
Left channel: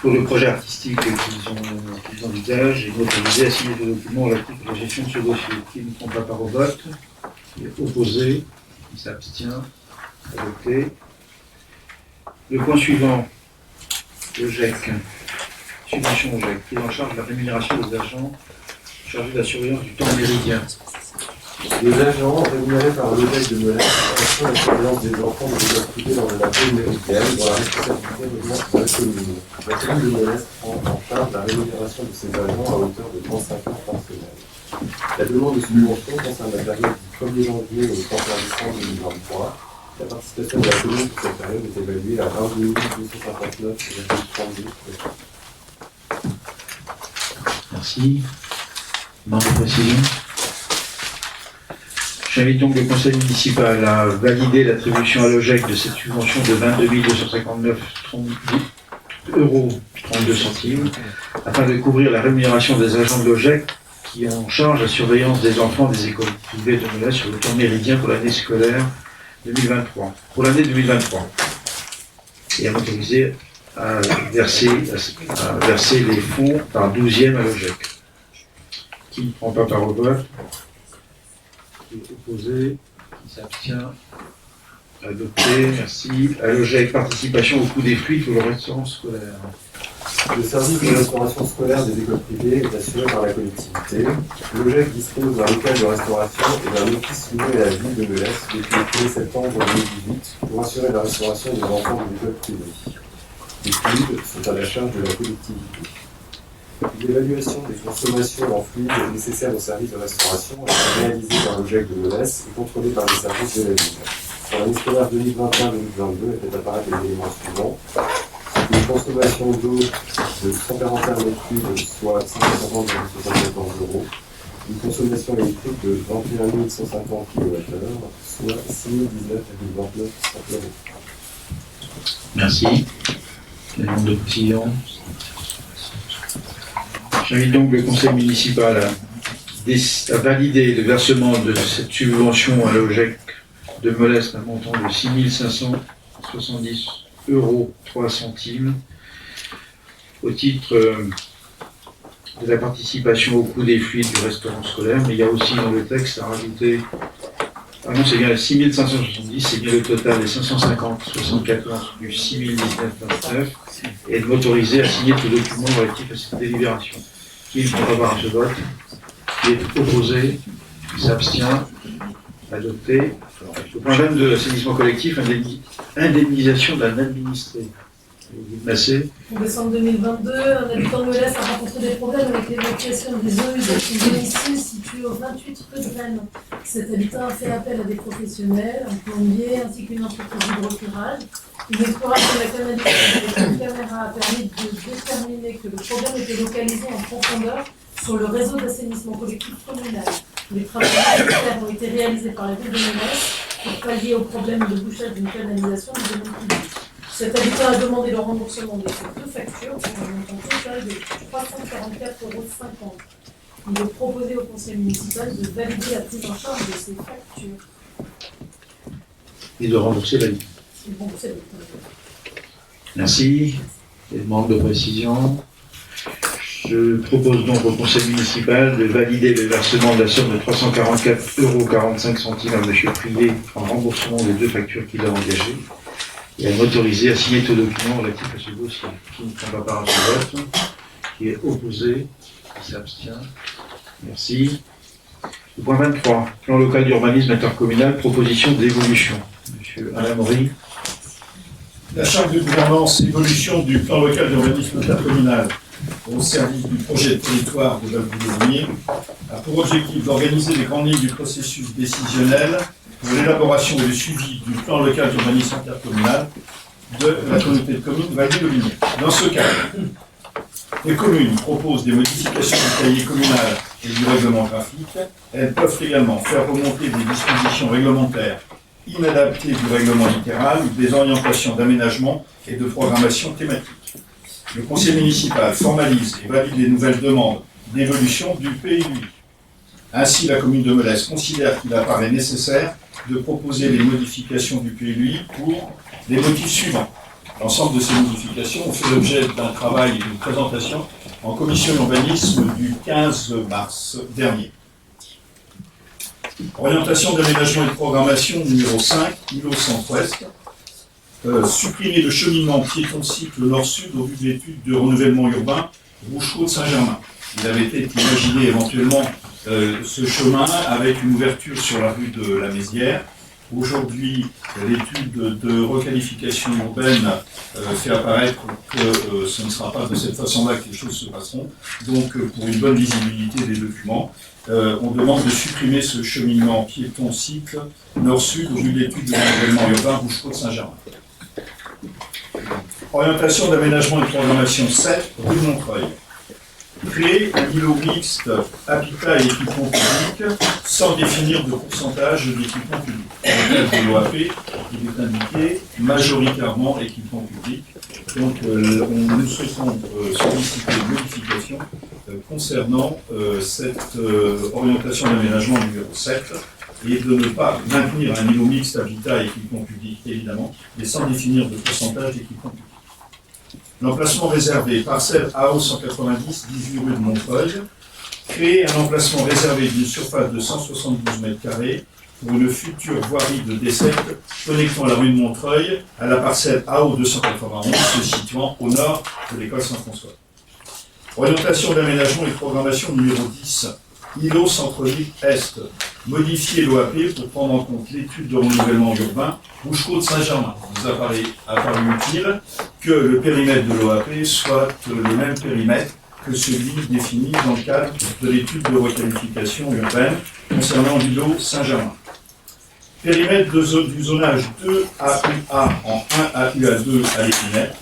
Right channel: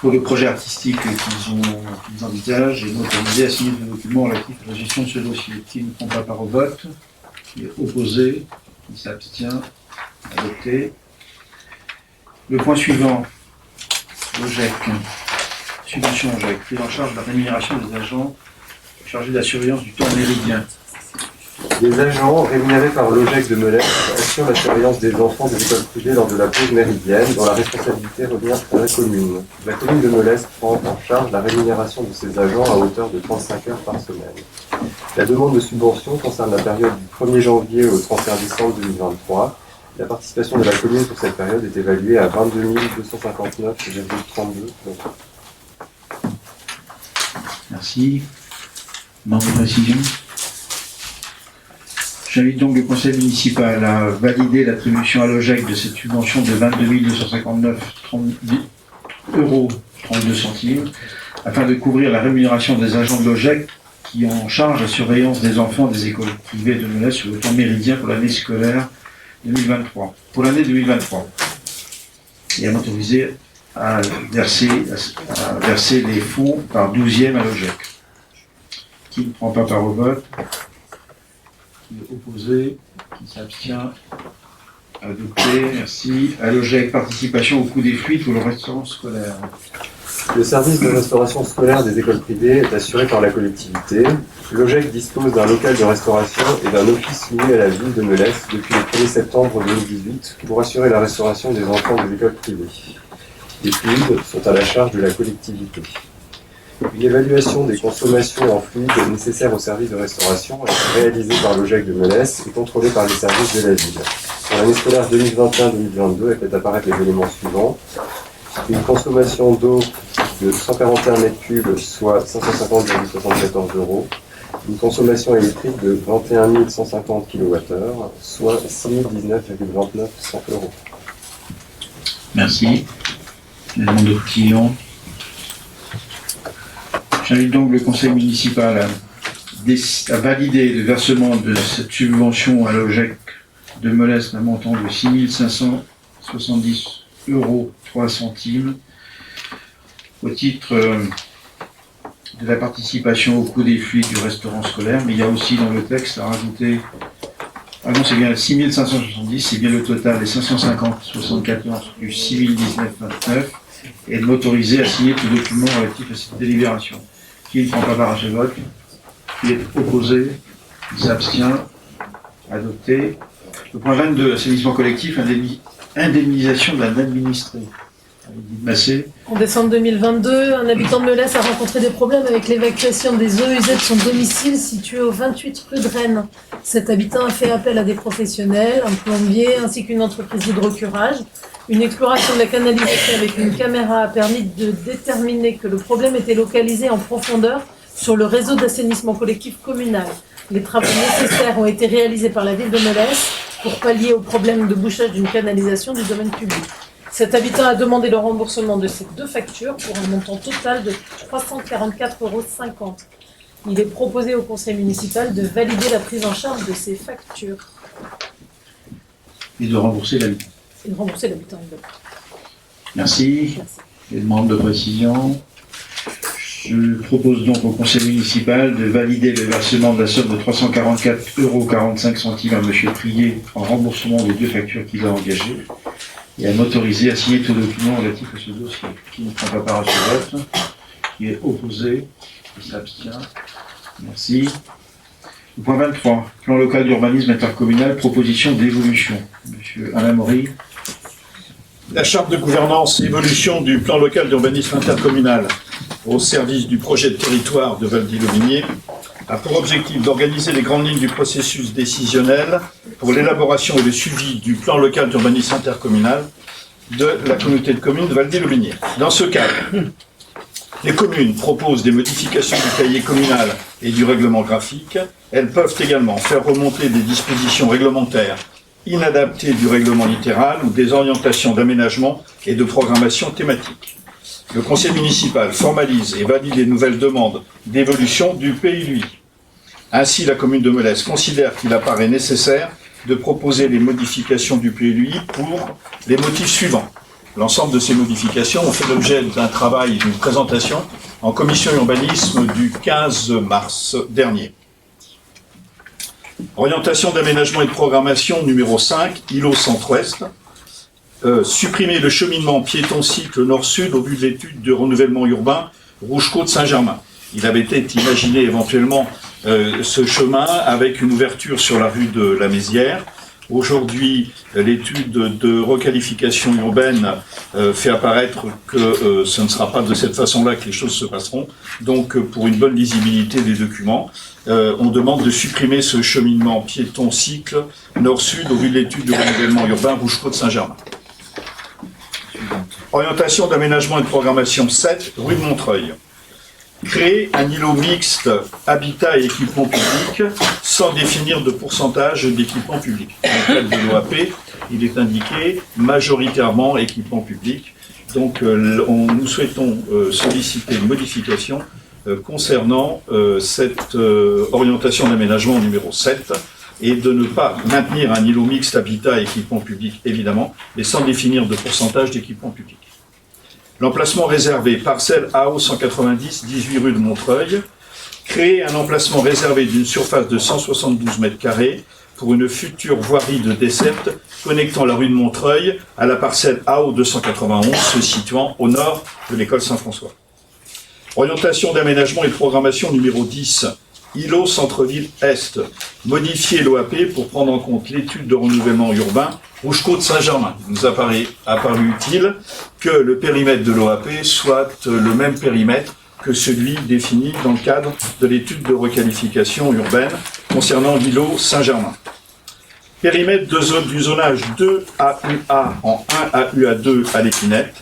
pour le projet artistique qu'ils envisagent et m'autoriser à signer ce document relatif à la gestion de ce dossier. Qui ne prend pas part au vote? Qui est opposé? Qui s'abstient? Adopté. Le point suivant, l'OGEC. Subvention OGEC, prise en charge de la rémunération des agents chargés de la surveillance du temps méridien. Les agents rémunérés par l'OGEC de Melesse assurent la surveillance des enfants de l'école privée lors de la pause méridienne, dont la responsabilité revient à la commune. La commune de Melesse prend en charge la rémunération de ses agents à hauteur de 35 heures par semaine. La demande de subvention concerne la période du 1er janvier au 31 décembre 2023. La participation de la commune sur cette période est évaluée à 22 259,32 €. Merci. Demande de précision. J'invite donc le conseil municipal à valider l'attribution à l'OGEC de cette subvention de 22 259,32 € afin de couvrir la rémunération des agents de l'OGEC qui ont en charge la surveillance des enfants des écoles privées de Melesse sur le temps méridien pour l'année scolaire 2023. Pour l'année 2023. Et à m'autoriser à verser les fonds par 12e à l'OGEC. Qui ne prend pas part au vote? Qui est opposé? Qui s'abstient? Adopté, merci. À l'OGEC, participation au coût des fluides pour le restaurant scolaire. Le service de restauration scolaire des écoles privées est assuré par la collectivité. L'OGEC dispose d'un local de restauration et d'un office loué à la ville de Melesse depuis le 1er septembre 2018 pour assurer la restauration des enfants des écoles privées. Les fluides sont à la charge de la collectivité. Une évaluation des consommations en fluides nécessaires au service de restauration est réalisée par l'OGEC de Melesse et contrôlée par les services de la ville. Pour l'année scolaire 2021-2022, elle fait apparaître les éléments suivants. Une consommation d'eau de 141 m3, soit 550,74 €. Une consommation électrique de 21 150 kWh, soit 6 019,29 €. Merci. Les demandes de précision. J'invite donc le conseil municipal à valider le versement de cette subvention à l'OGEC de Melesse d'un montant de 6 570 € au titre de la participation au coût des fluides du restaurant scolaire, mais il y a aussi dans le texte à rajouter, ah non, c'est bien 6 570, c'est bien le total des 550,74 plus 6 019,29, et de m'autoriser à signer tout document relatif à cette délibération. Qui ne prend pas part à ce vote? Qui est opposé? Qui s'abstient? Adopté. Le point 22, assainissement collectif, indemnisation d'un administré. Allez-y, Massé. En décembre 2022, un habitant de Melès a rencontré des problèmes avec l'évacuation des eaux usées de son domicile situé au 28 rue de Rennes. Cet habitant a fait appel à des professionnels, un plombier ainsi qu'une entreprise d'hydrocurage. Une exploration de la canalisation avec une caméra a permis de déterminer que le problème était localisé en profondeur sur le réseau d'assainissement collectif communal. Les travaux nécessaires ont été réalisés par la ville de Melès pour pallier au problème de bouchage d'une canalisation du domaine public. Cet habitant a demandé le remboursement de ces 2 factures pour un montant total de 344,50 €. Il est proposé au conseil municipal de valider la prise en charge de ces factures. Et de rembourser l'habitant. Et de rembourser l'habitant. Merci. Les demandes de précision. Je propose donc au conseil municipal de valider le versement de la somme de 344,45 € à M. Prier en remboursement des 2 factures qu'il a engagées et à m'autoriser à signer tout document relatif à ce dossier. Qui ne prend pas part à ce vote? Qui est opposé? Qui s'abstient? Merci. Le point 23, plan local d'urbanisme intercommunal, proposition d'évolution. M. Alain Maury. La charte de gouvernance évolution du plan local d'urbanisme intercommunal au service du projet de territoire de Valdy-le-Minier a pour objectif d'organiser les grandes lignes du processus décisionnel pour l'élaboration et le suivi du plan local d'urbanisme intercommunal de la communauté de communes de Valdy-le-Minier. Dans ce cadre, les communes proposent des modifications du cahier communal et du règlement graphique. Elles peuvent également faire remonter des dispositions réglementaires inadaptées du règlement littéral ou des orientations d'aménagement et de programmation thématique. Le conseil municipal formalise et valide les nouvelles demandes d'évolution du PLUI. Ainsi, la commune de Melès considère qu'il apparaît nécessaire de proposer les modifications du PLUI pour les motifs suivants. L'ensemble de ces modifications ont fait l'objet d'un travail et d'une présentation en commission urbanisme du 15 mars dernier. Orientation d'aménagement et de programmation numéro 5, îlot centre-ouest. Supprimer le cheminement piéton-cycle nord-sud au vu de l'étude de renouvellement urbain Rouge-Côte-Saint-Germain. Il avait été imaginé éventuellement ce chemin avec une ouverture sur la rue de la Mézière. Aujourd'hui, l'étude de requalification urbaine fait apparaître que ce ne sera pas de cette façon-là que les choses se passeront. Donc, pour une bonne visibilité des documents, on demande de supprimer ce cheminement piéton-cycle nord-sud au vu de l'étude de renouvellement urbain Rouge-Côte-Saint-Germain. Orientation d'aménagement et de programmation 7, rue de Montreuil. Créer un îlot mixte habitat et équipement public sans définir de pourcentage d'équipement public. Dans le cadre de l'OAP, il est indiqué majoritairement équipement public. Donc nous souhaitons solliciter une modification concernant cette orientation d'aménagement numéro 7 et de ne pas maintenir un îlot mixte habitat et équipement public, évidemment, mais sans définir de pourcentage d'équipement public. L'emplacement réservé, parcelle AO 190, 18 rue de Montreuil. Créer un emplacement réservé d'une surface de 172 m² pour une future voirie de desserte connectant la rue de Montreuil à la parcelle AO 291 se situant au nord de l'école Saint-François. Orientation d'aménagement et de programmation numéro 10, îlot centre-ville Est. Modifier l'OAP pour prendre en compte l'étude de renouvellement urbain Rouge-Côte-Saint-Germain. Il nous apparu utile que le périmètre de l'OAP soit le même périmètre que celui défini dans le cadre de l'étude de requalification urbaine concernant l'îlot Saint-Germain. Périmètre du zonage 2AUA en 1AUA2 à l'Épinette.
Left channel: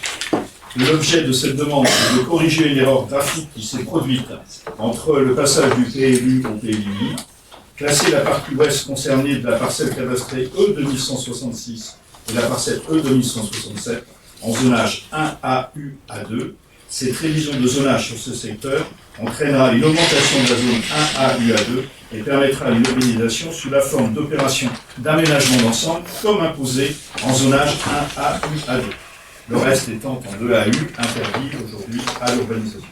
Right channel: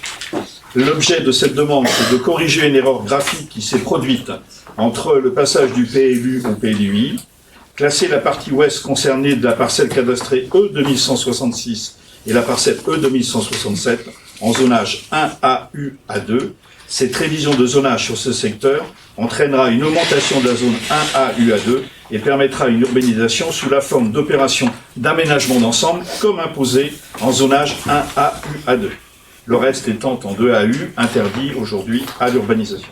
L'objet de cette demande, c'est de corriger une erreur graphique qui s'est produite entre le passage du PLU au PLUI, classer la partie ouest concernée de la parcelle cadastrée E2166 et la parcelle E2167 en zonage 1AUA2. Cette révision de zonage sur ce secteur entraînera une augmentation de la zone 1AUA2 et permettra une urbanisation sous la forme d'opérations d'aménagement d'ensemble comme imposé en zonage 1AUA2. le reste étant en 2 AU, interdit aujourd'hui à l'urbanisation.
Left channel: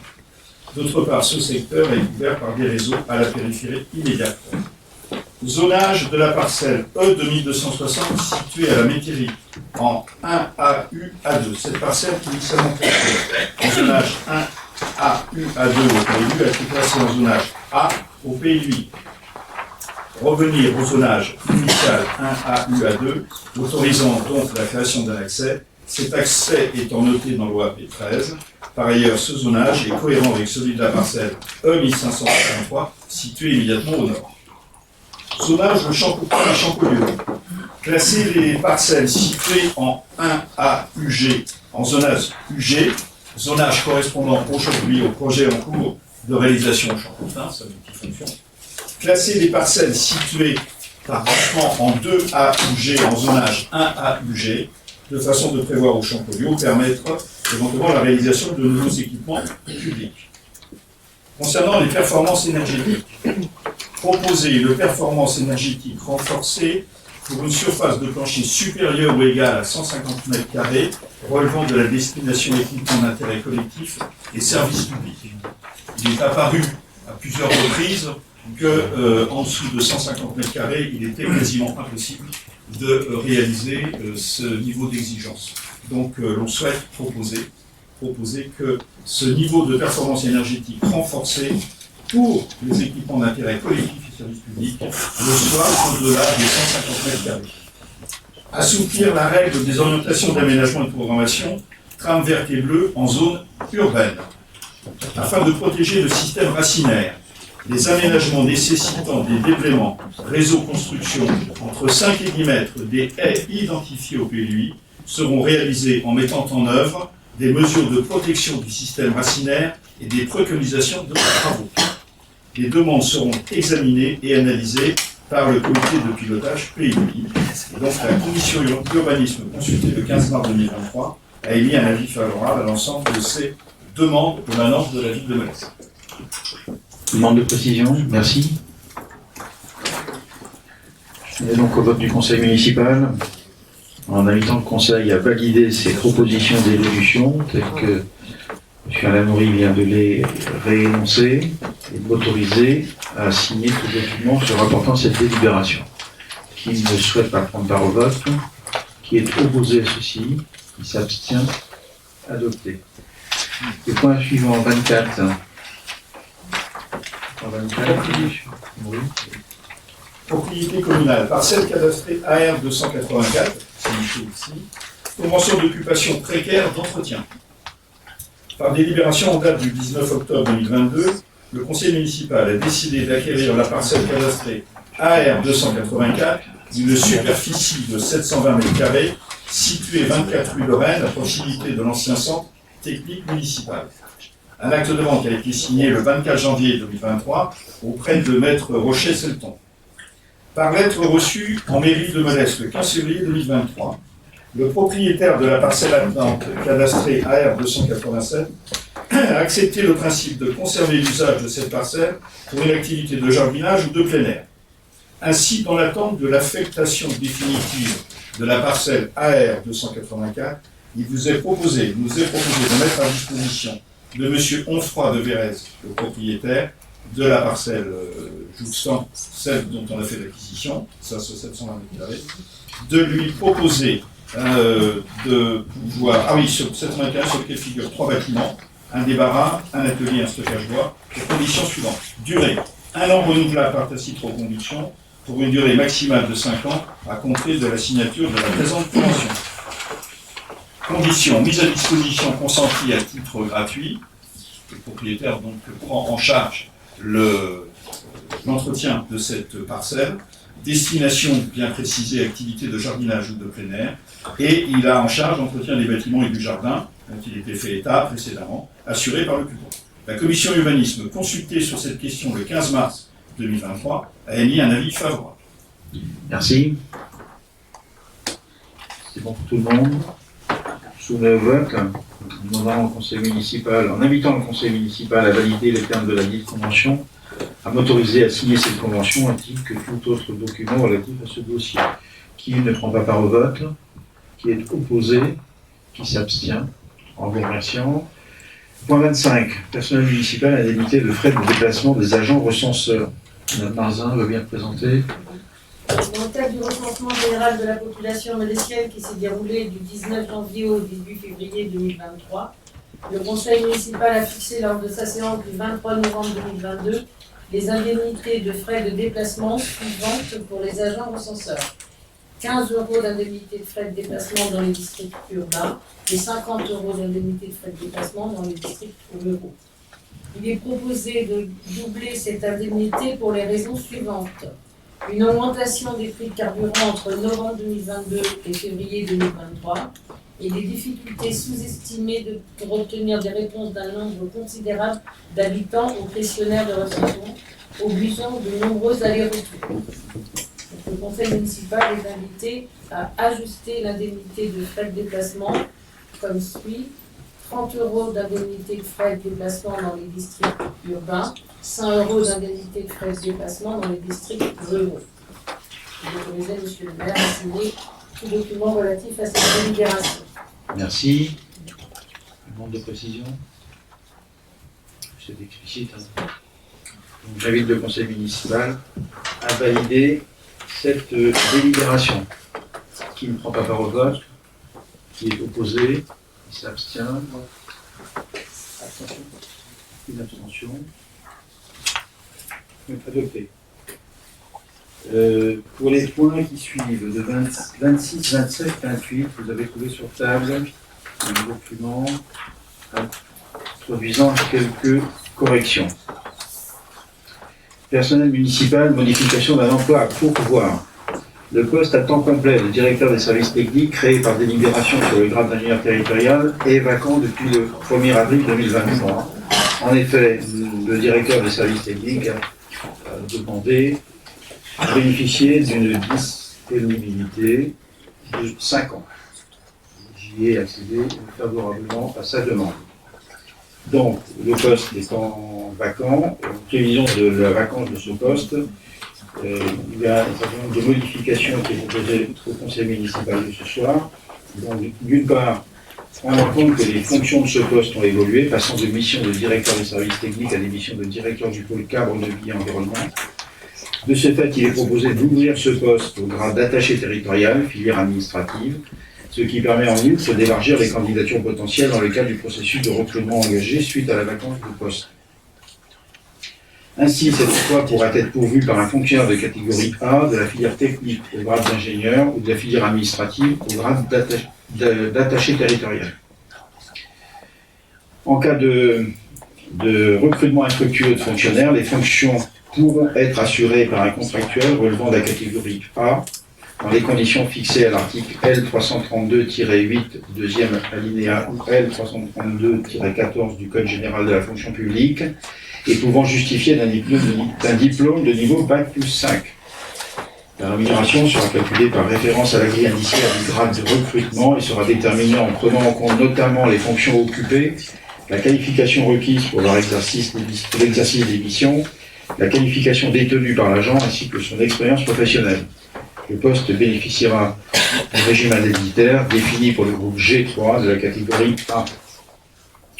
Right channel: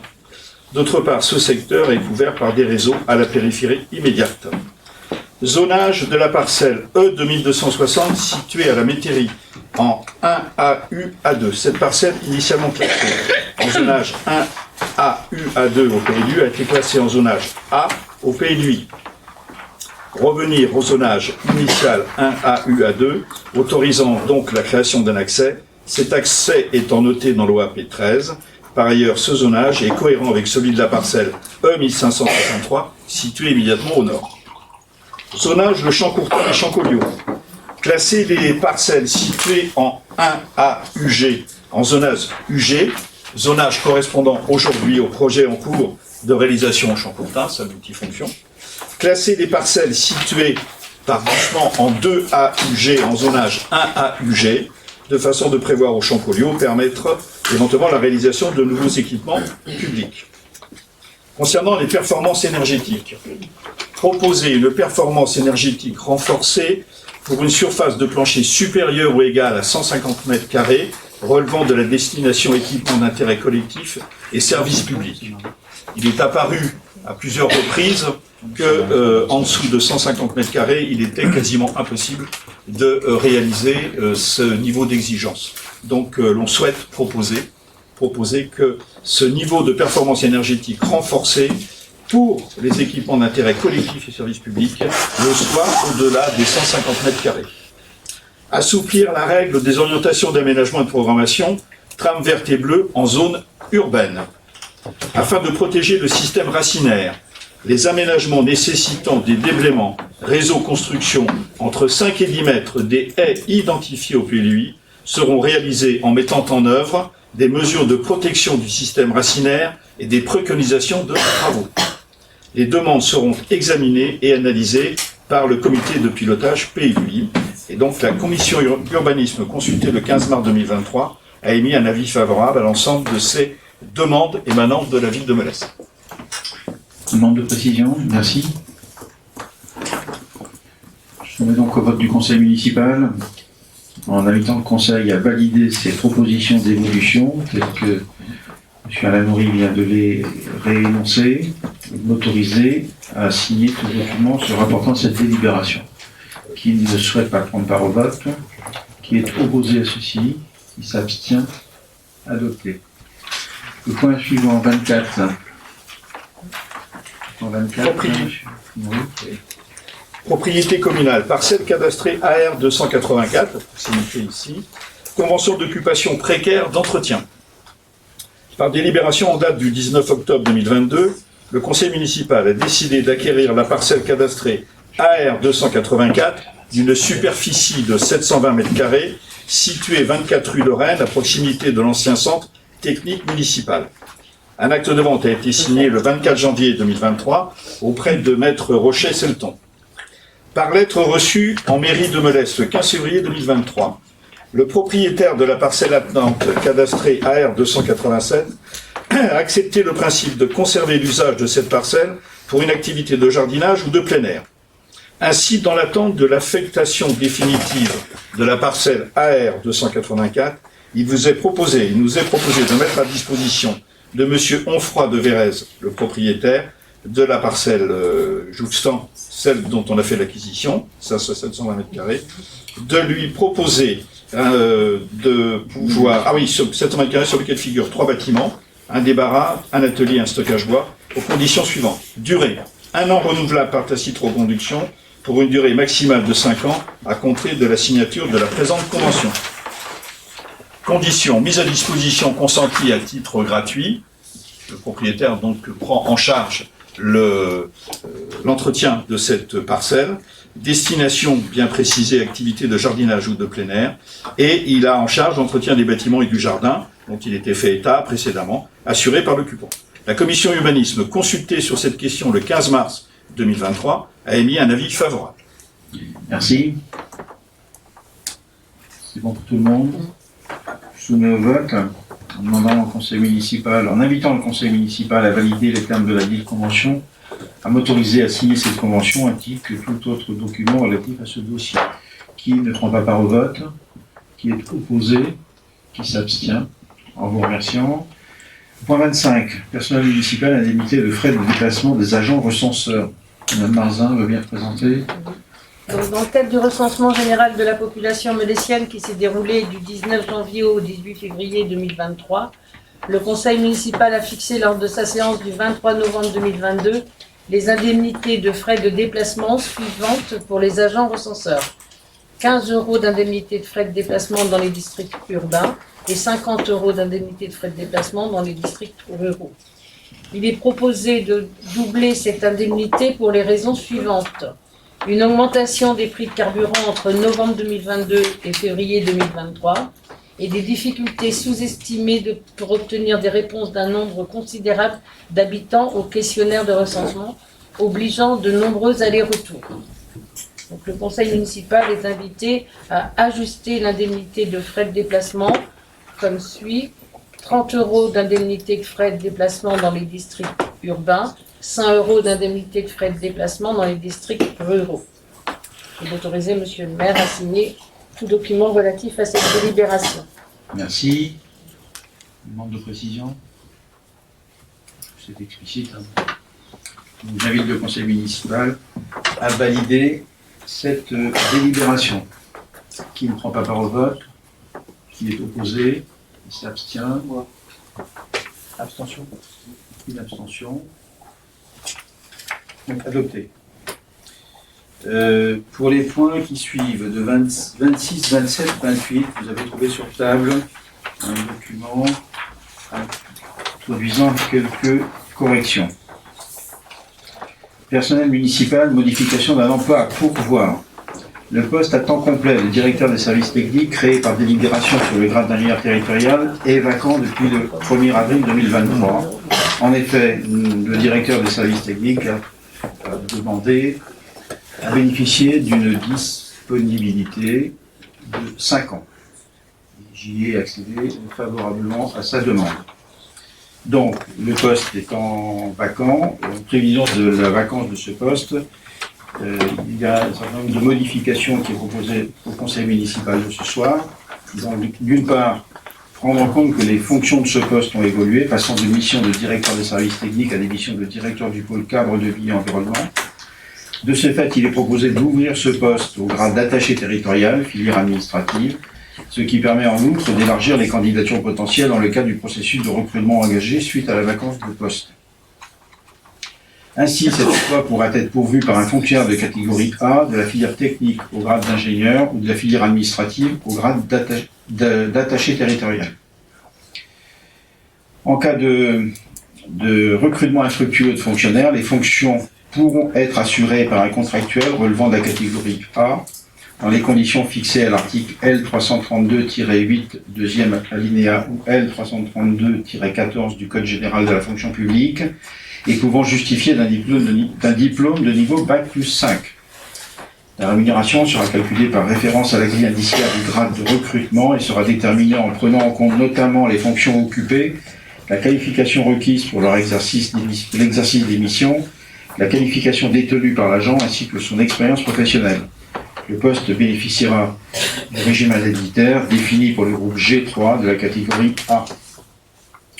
D'autre part, ce secteur est couvert par des réseaux à la périphérie immédiate. Zonage de la parcelle E2260 située à la Métairie en 1 AU A2. Cette parcelle initialement classée en zonage 1 AU A2 au PLU a été classée en zonage A au PLUI. Revenir au zonage initial 1 AU A2, autorisant donc la création d'un accès, cet accès étant noté dans l'OAP 13. Par ailleurs, ce zonage est cohérent avec celui de la parcelle E1563, située immédiatement au nord. Zonage de Champourtin et Champollion. Classer les parcelles situées en 1A UG en zonage UG, zonage correspondant aujourd'hui au projet en cours de réalisation au Champourtin, sa multifonction. Classer les parcelles situées par branchement en 2A UG en zonage 1A UG, de façon de prévoir au Champollion permettre éventuellement la réalisation de nouveaux équipements publics. Concernant les performances énergétiques, proposer une performance énergétique renforcée pour une surface de plancher supérieure ou égale à 150 m² relevant de la destination équipement d'intérêt collectif et services publics. Il est apparu à plusieurs reprises qu'en dessous de 150 m², il était quasiment impossible de réaliser ce niveau d'exigence. Donc l'on souhaite proposer que ce niveau de performance énergétique renforcé pour les équipements d'intérêt collectif et services publics le soit au-delà des 150 m². Assouplir la règle des orientations d'aménagement et de programmation trame verte et bleue en zone urbaine. Afin de protéger le système racinaire, les aménagements nécessitant des déblaiements, réseaux construction entre 5 et 10 mètres des haies identifiées au PLUI seront réalisés en mettant en œuvre des mesures de protection du système racinaire et des préconisations de travaux. Les demandes seront examinées et analysées par le comité de pilotage PLUI. Et donc la commission urbanisme consultée le 15 mars 2023 a émis un avis favorable à l'ensemble de ces demandes émanant de la ville de Melesse. Demande de précision, merci. Je mets donc au vote du conseil municipal, en invitant le conseil à valider ces propositions d'évolution, telles que M. Alain Moury vient de les réénoncer, et de m'autoriser à signer tout document se rapportant à cette délibération. Qui ne souhaite pas prendre part au vote, qui est opposé à ceci, qui s'abstient, adopté. Le point suivant, 24. Point 24, oui. Propriété communale, parcelle cadastrée AR 284, c'est indiqué ici, convention d'occupation précaire d'entretien. Par délibération en date du 19 octobre 2022, le conseil municipal a décidé d'acquérir la parcelle cadastrée AR 284 d'une superficie de 720 m², située 24 rue de Rennes, à proximité de l'ancien centre technique municipal. Un acte de vente a été signé le 24 janvier 2023 auprès de maître Rocher-Selton. Par lettre reçue en mairie de Melesse le 15 février 2023, le propriétaire de la parcelle attenante cadastrée AR 287 a accepté le principe de conserver l'usage de cette parcelle pour une activité de jardinage ou de plein air. Ainsi, dans l'attente de l'affectation définitive de la parcelle AR 284, il nous est proposé de mettre à disposition de M. Onfroy de Vérez, le propriétaire de la parcelle jouxtant celle dont on a fait l'acquisition, ça c'est 720 m², de lui proposer de pouvoir... Ah oui, sur 720 m² sur lequel figurent 3 bâtiments, un débarras, un atelier, un stockage bois, aux conditions suivantes. Durée, 1 an renouvelable par tacite reconduction, pour une durée maximale de 5 ans, à compter de la signature de la présente convention. Conditions, mise à disposition consentie à titre gratuit. Le propriétaire donc prend en charge l'entretien de cette parcelle. Destination bien précisée, activité de jardinage ou de plein air. Et il a en charge l'entretien des bâtiments et du jardin, dont il était fait état précédemment, assuré par l'occupant. La commission urbanisme, consultée sur cette question le 15 mars 2023, a émis un avis favorable. Merci. C'est bon pour tout le monde. Je soumets au vote, en demandant au conseil municipal, en invitant le conseil municipal à valider les termes de la dite convention, à m'autoriser à signer cette convention ainsi que tout autre document relatif à ce dossier. Qui ne prend pas part au vote, qui est opposé, Qui s'abstient? En vous remerciant. Point 25. Personnel municipal, indemnité de frais de déplacement des agents recenseurs. Madame Marzin veut bien présenter. Dans le cadre du recensement général de la population mélésienne qui s'est déroulé du 19 janvier au 18 février 2023, le conseil municipal a fixé lors de sa séance du 23 novembre 2022 les indemnités de frais de déplacement suivantes pour les agents recenseurs. 15 € d'indemnité de frais de déplacement dans les districts urbains et 50 € d'indemnité de frais de déplacement dans les districts ruraux. Il est proposé de doubler cette indemnité pour les raisons suivantes. Une augmentation des prix de carburant entre novembre 2022 et février 2023 et des difficultés sous-estimées pour obtenir des réponses d'un nombre considérable d'habitants au questionnaire de recensement, obligeant de nombreux allers-retours. Donc, le conseil municipal est invité à ajuster l'indemnité de frais de déplacement comme suit: 30 € d'indemnité de frais de déplacement dans les districts urbains, 100 € d'indemnité de frais de déplacement dans les districts ruraux. Et d'autoriser Monsieur le maire à signer tout document relatif à cette délibération. Merci. Demande de précision. C'est explicite. Donc, j'invite le conseil municipal à valider cette délibération. Qui ne prend pas part au vote? Qui est opposé? Qui s'abstient? Abstention. Une abstention. Donc adopté. Pour les points qui suivent, de 26, 27, 28, vous avez trouvé sur table un document introduisant quelques corrections. Personnel municipal, modification d'un emploi à pourvoir. Le poste à temps complet de directeur des services techniques, créé par délibération sur le grade d'ingénieur territorial, est vacant depuis le 1er avril 2023. En effet, le directeur des services techniques a demandé à bénéficier d'une disponibilité de 5 ans. J'y ai accédé favorablement à sa demande. Donc, le poste étant vacant, en prévision de la vacance de ce poste, il y a un certain nombre de modifications qui est proposé au conseil municipal de ce soir. Donc, d'une part, prendre en compte que les fonctions de ce poste ont évolué, passant de mission de directeur des services techniques à des missions de directeur du pôle cadre de vie et environnement. De ce fait, il est proposé d'ouvrir ce poste au grade d'attaché territorial, filière administrative, ce qui permet en outre d'élargir les candidatures potentielles dans le cadre du processus de recrutement engagé suite à la vacance de poste. Ainsi, cet emploi pourra être pourvu par un fonctionnaire de catégorie A de la filière technique au grade d'ingénieur ou de la filière administrative au grade d'attaché territorial. En cas de recrutement infructueux de fonctionnaires, les fonctions pourront être assurées par un contractuel relevant de la catégorie A dans les conditions fixées à l'article L332-8, deuxième alinéa, ou L332-14 du Code général de la fonction publique, et pouvant justifier d'un diplôme de niveau Bac plus 5. La rémunération sera calculée par référence à la grille indiciaire du grade de recrutement et sera déterminée en prenant en compte notamment les fonctions occupées, la qualification requise pour l'exercice des missions, la qualification détenue par l'agent ainsi que son expérience professionnelle. Le poste bénéficiera du régime indemnitaire défini pour le groupe G3 de la catégorie A.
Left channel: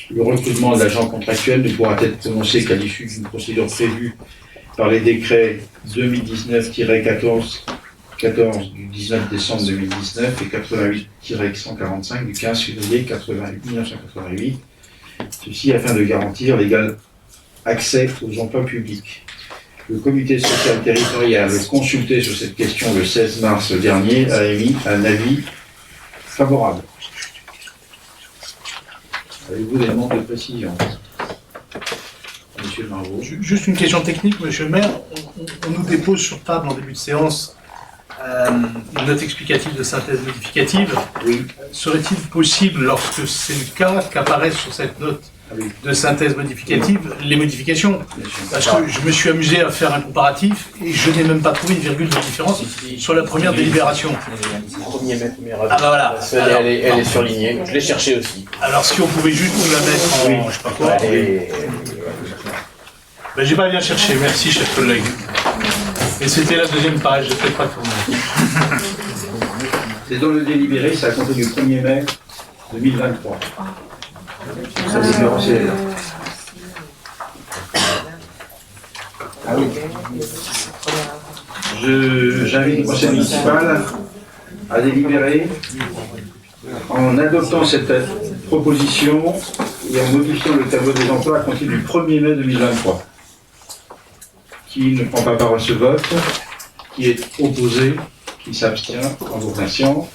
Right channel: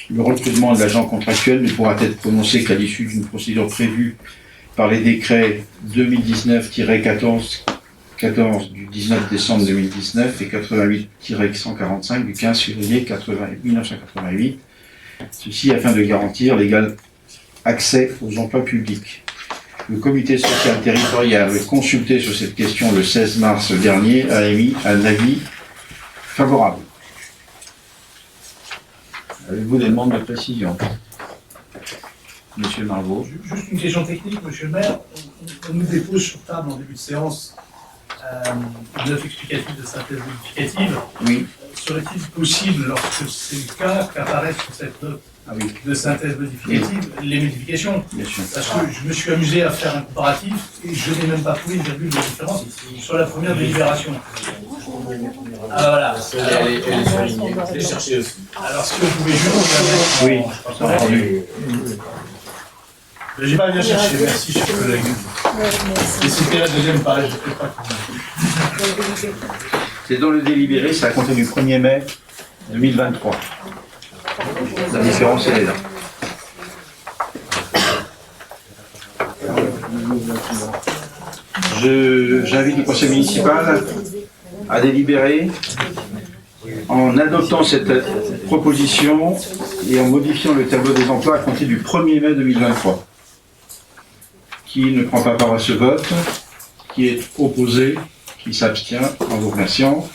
Le recrutement de l'agent contractuel ne pourra être prononcé qu'à l'issue d'une procédure prévue par les décrets 2019-14 du 19 décembre 2019 et 88-145 du 15 février 1988. Ceci afin de garantir l'égal accès aux emplois publics. Le comité social territorial consulté sur cette question le 16 mars dernier a émis un avis favorable. Avez-vous des demandes de précision? Monsieur Marvaux. Juste une question technique, monsieur le maire. On nous dépose sur table en début de séance une note explicative de synthèse modificative. Oui. Serait-il possible, lorsque c'est le cas, qu'apparaissent sur cette note de synthèse modificative les modifications? Parce que je me suis amusé à faire un comparatif et je n'ai même pas trouvé une virgule de différence sur la première délibération. Ah bah voilà. Elle est surlignée, je l'ai cherchée aussi. Alors si on pouvait juste la mettre en... Je sais pas quoi. Ben, j'ai pas bien cherché, merci cher collègue. Et c'était la deuxième page, je ne pas tout le monde. C'est dans le délibéré, c'est à compter du 1er mai 2023. La différence, elle est là. J'invite le conseil municipal à délibérer en adoptant cette proposition et en modifiant le tableau des emplois à compter du 1er mai 2023. Qui ne prend pas part à ce vote, qui est opposé, qui s'abstient, en vous remerciant.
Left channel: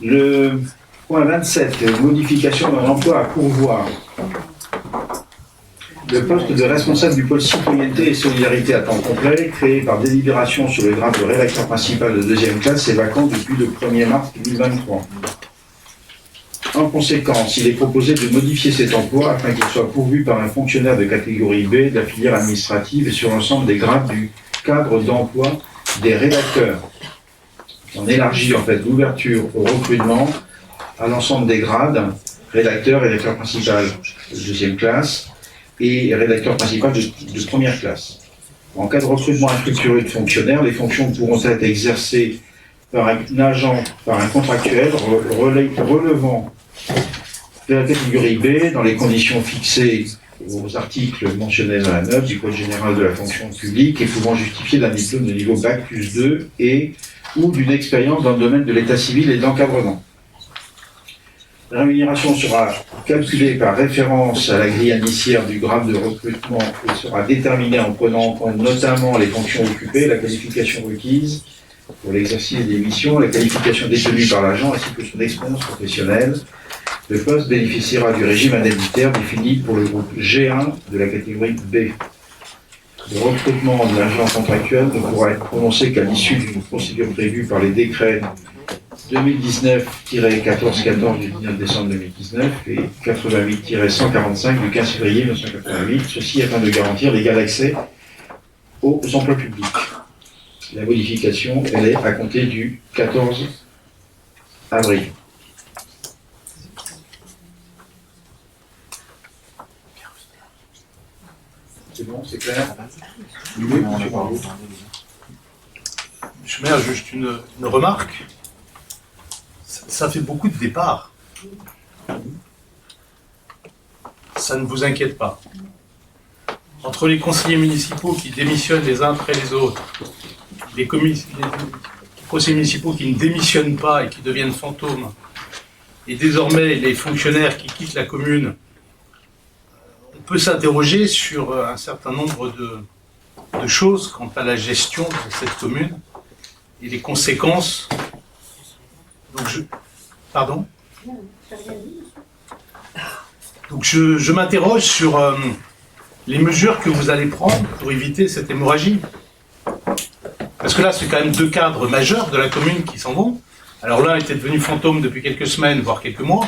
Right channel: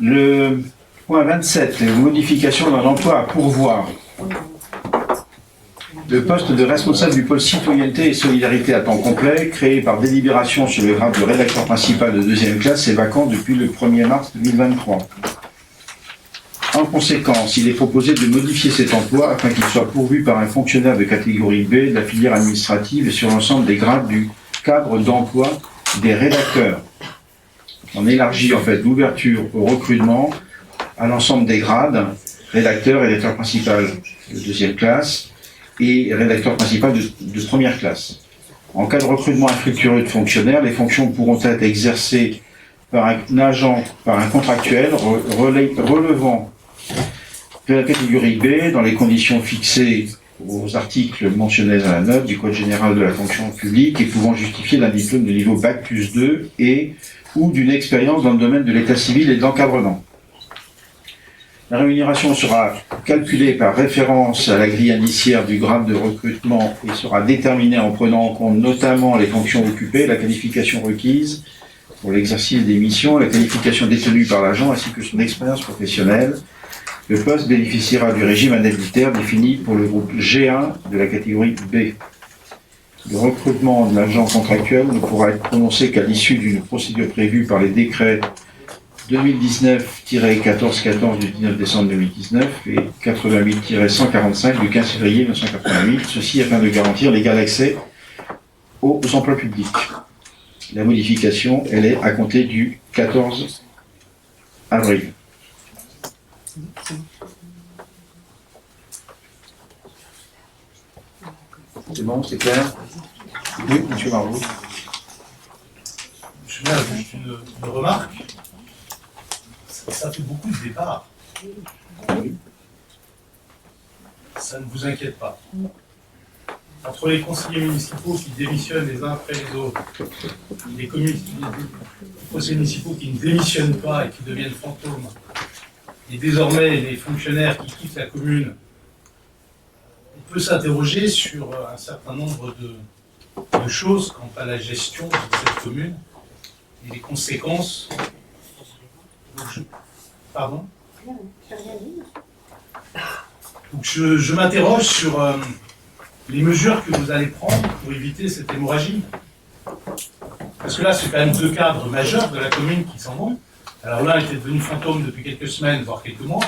Le point 27, modification d'un emploi à pourvoir. Le poste de responsable du pôle citoyenneté et solidarité à temps complet, créé par délibération sur le grade de rédacteur principal de 2e classe, est vacant depuis le 1er mars 2023. En conséquence, il est proposé de modifier cet emploi afin qu'il soit pourvu par un fonctionnaire de catégorie B de la filière administrative et sur l'ensemble des grades du cadre d'emploi des rédacteurs. On élargit en fait l'ouverture au recrutement à l'ensemble des grades, rédacteur, rédacteur principal de 2e classe et rédacteur principal de 1re classe. En cas de recrutement infructueux de fonctionnaires, les fonctions pourront être exercées par un agent, par un contractuel relevant de la catégorie B dans les conditions fixées aux articles mentionnés dans la note du Code général de la fonction publique et pouvant justifier d'un diplôme de niveau Bac+2 et ou d'une expérience dans le domaine de l'état civil et de l'encadrement. La rémunération sera calculée par référence à la grille indiciaire du grade de recrutement et sera déterminée en prenant en compte notamment les fonctions occupées, la qualification requise pour l'exercice des missions, la qualification détenue par l'agent ainsi que son expérience professionnelle. Le poste bénéficiera du régime indemnitaire défini pour le groupe G1 de la catégorie B. Le recrutement de l'agent contractuel ne pourra être prononcé qu'à l'issue d'une procédure prévue par les décrets 2019-1414 du 19 décembre 2019 et 88-145 du 15 février 1988, ceci afin de garantir l'égal accès aux emplois publics. La modification, elle est à compter du 14 avril. C'est bon, c'est clair? Oui, monsieur Margot. Je mets juste une remarque. Ça fait beaucoup de départs. Ça ne vous inquiète pas. Entre les conseillers municipaux qui démissionnent les uns après les autres, les conseillers municipaux qui ne démissionnent pas et qui deviennent fantômes, et désormais les fonctionnaires qui quittent la commune, on peut s'interroger sur un certain nombre de choses quant à la gestion de cette commune et les conséquences. Donc pardon ? Donc je m'interroge sur les mesures que vous allez prendre pour éviter cette hémorragie. Parce que là, c'est quand même 2 cadres majeurs de la commune qui s'en vont. Alors l'un était devenu fantôme depuis quelques semaines, voire quelques mois.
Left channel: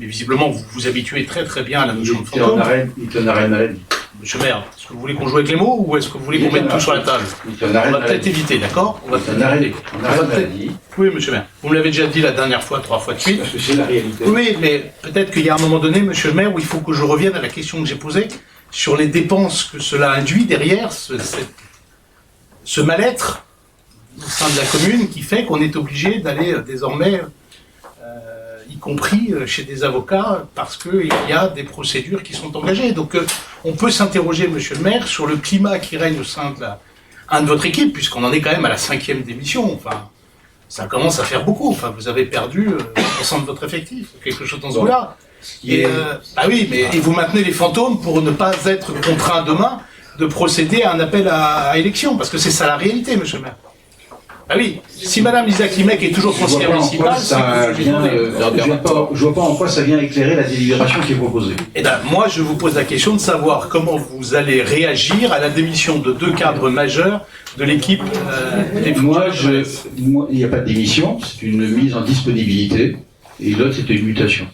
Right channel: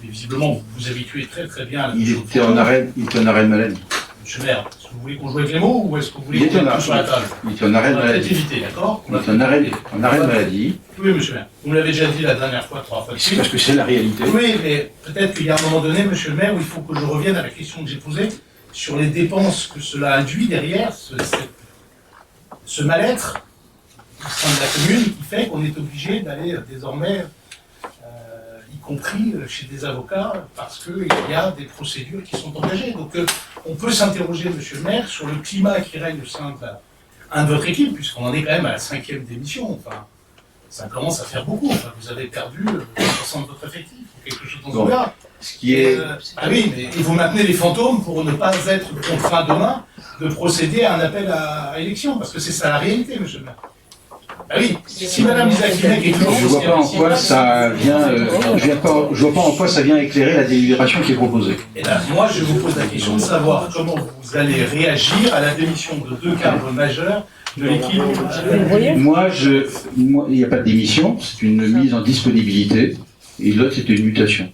Mais visiblement, vous vous habituez très très bien à la notion de fantôme. Il était en arrêt de maladie. Monsieur le maire, est-ce que vous voulez qu'on joue avec les mots ou est-ce que vous voulez qu'on mette tout sur la table? Il était en arrêt de On va peut-être maladie. éviter, d'accord? Il était en arrêt de maladie. Oui, monsieur le maire. Vous me l'avez déjà dit la dernière fois, 3 fois de suite. Parce que c'est la réalité. Oui, mais peut-être qu'il y a un moment donné, monsieur le maire, où il faut que je revienne à la question que j'ai posée sur les dépenses que cela induit derrière ce mal-être au sein de la commune qui fait qu'on est obligé d'aller désormais, y compris chez des avocats, parce qu'il y a des procédures qui sont engagées. Donc on peut s'interroger, monsieur le maire, sur le climat qui règne au sein de votre équipe, puisqu'on en est quand même à la 5e démission. Enfin, ça commence à faire beaucoup. Enfin, vous avez perdu 60% de votre effectif, ou quelque chose dans ce genre-là. Ah oui, mais et vous maintenez les fantômes pour ne pas être contraint demain de procéder à un appel à élection, parce que c'est ça la réalité, monsieur le maire. Ah oui, si madame Lisa Klimek est toujours conseillère municipale... Je vois pas en quoi ça vient éclairer la délibération qui est proposée. Eh bien, moi, je vous pose la question de savoir comment vous allez réagir à la démission de 2 cadres majeurs de l'équipe. Moi, il n'y a pas de démission, c'est une mise en disponibilité, et l'autre, c'était une mutation.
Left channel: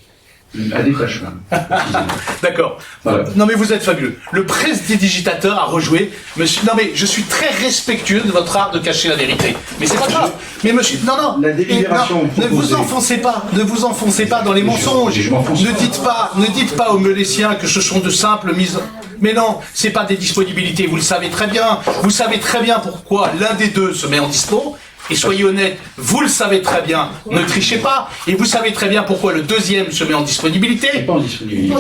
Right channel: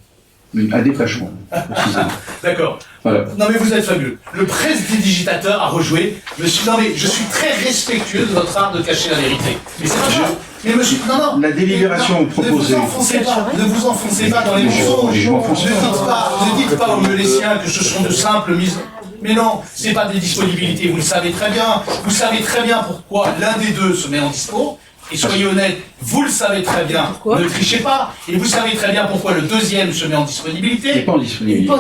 Un détachement, précisément. D'accord. Voilà. Non mais vous êtes fabuleux. Le prestidigitateur a rejoué. Monsieur, non mais je suis très respectueux de votre art de cacher la vérité. Mais c'est pas grave. Mais monsieur, non. La délibération proposée. Ne vous enfoncez pas dans les mensonges. Ne dites pas aux Meléciens que ce sont de simples mises. Mais non, c'est pas des disponibilités. Vous le savez très bien. Vous savez très bien pourquoi l'un des deux se met en dispo. Et soyez honnête, vous le savez très bien, Pourquoi? ne trichez pas, et vous savez très bien pourquoi le deuxième se met en Il n'est disponibilité, pas en disponibilité.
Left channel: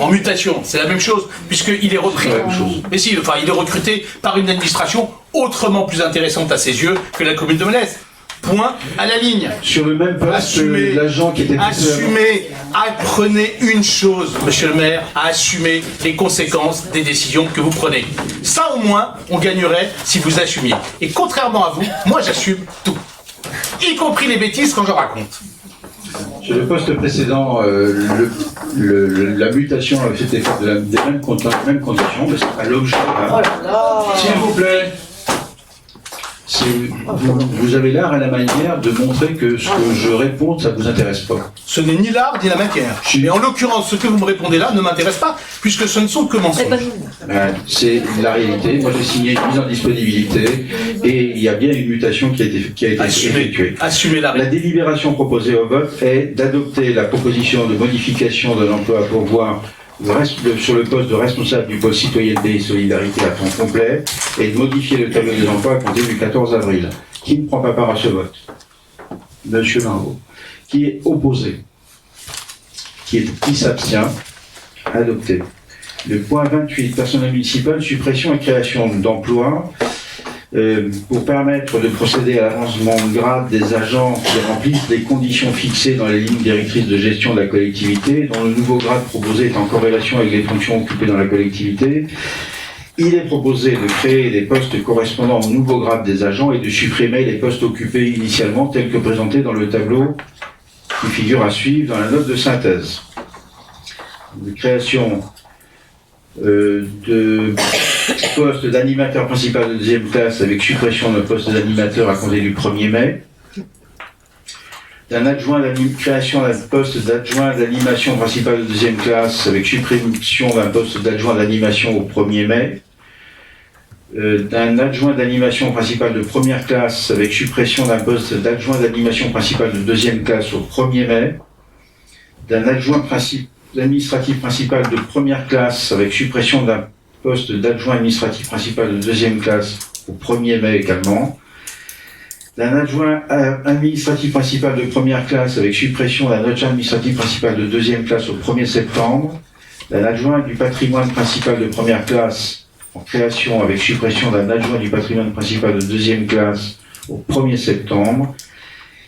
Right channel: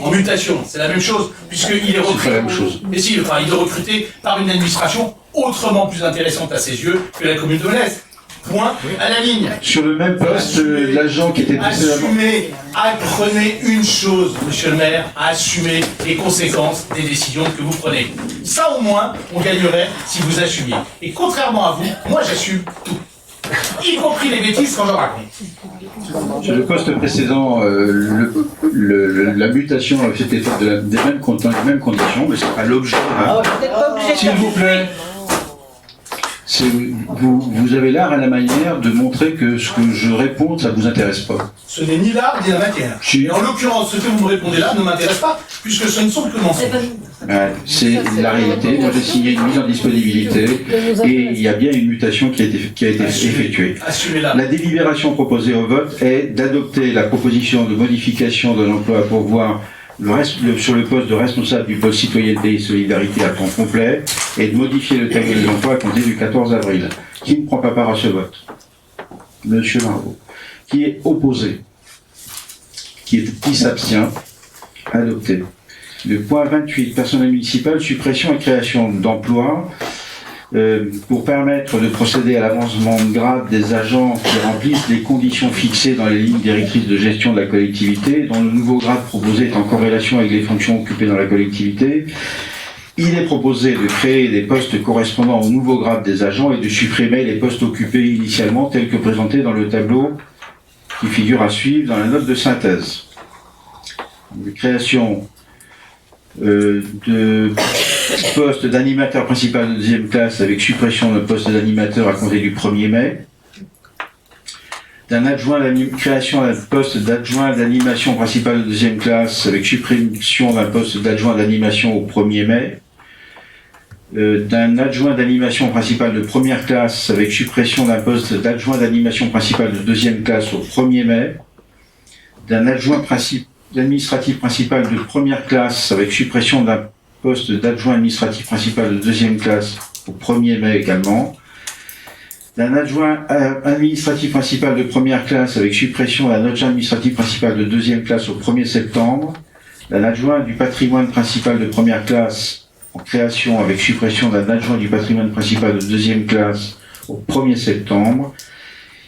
en mutation, c'est la même chose, puisqu'il est repris. C'est la même chose. Mais si, enfin, il est recruté par une administration autrement plus intéressante à ses yeux que la commune de Melesse. Point à la ligne. Sur le même poste, Assumez. l'agent qui était précédemment... Assumez, apprenez une chose, monsieur le maire, à assumer les conséquences des décisions que vous prenez. Ça au moins, on gagnerait si vous assumiez. Et contrairement à vous, moi j'assume tout. Y compris les bêtises quand j'en raconte. Sur le poste précédent, la mutation avait été faite des mêmes conditions, mais c'est pas l'objet. Hein. S'il vous plaît, vous avez l'art et la manière de montrer que ce que je réponds, ça ne vous intéresse pas. Ce n'est ni l'art ni la matière. Et en l'occurrence, ce que vous me répondez là ne m'intéresse pas, puisque ce ne sont que mensonges. C'est la réalité. Moi, j'ai signé une mise en disponibilité et il y a bien une mutation qui a été effectuée. Assumez-la. La délibération proposée au vote est d'adopter la proposition de modification de l'emploi à pourvoir sur le poste de responsable du pôle citoyenneté et solidarité à temps complet et de modifier le tableau des emplois à compter du 14 avril. Qui ne prend pas part à ce vote? Monsieur Marot. Qui est opposé? Qui s'abstient? Adopté. Le point 28, personnel municipal, suppression et création d'emplois. Pour permettre de procéder à l'avancement de grade des agents qui remplissent les conditions fixées dans les lignes directrices de gestion de la collectivité, dont le nouveau grade proposé est en corrélation avec les fonctions occupées dans la collectivité, il est proposé de créer des postes correspondant au nouveau grade des agents et de supprimer les postes occupés initialement tels que présentés dans le tableau qui figure à suivre dans la note de synthèse. De création de poste d'animateur principal de deuxième classe avec suppression d'un poste d'animateur à compter du 1er mai, création d'un poste d'adjoint d'animation principal de deuxième classe avec suppression d'un poste d'adjoint d'animation au 1er mai, d'un adjoint d'animation principal de première classe avec suppression d'un poste d'adjoint d'animation principal de deuxième classe au 1er mai, d'un adjoint administratif principal de première classe avec suppression d'un poste d'adjoint administratif principal de deuxième classe au 1er mai également, d'un adjoint administratif principal de première classe avec suppression d'un adjoint administratif principal de deuxième classe au 1er septembre, d'un adjoint du patrimoine principal de première classe en création avec suppression d'un adjoint du patrimoine principal de deuxième classe au 1er septembre,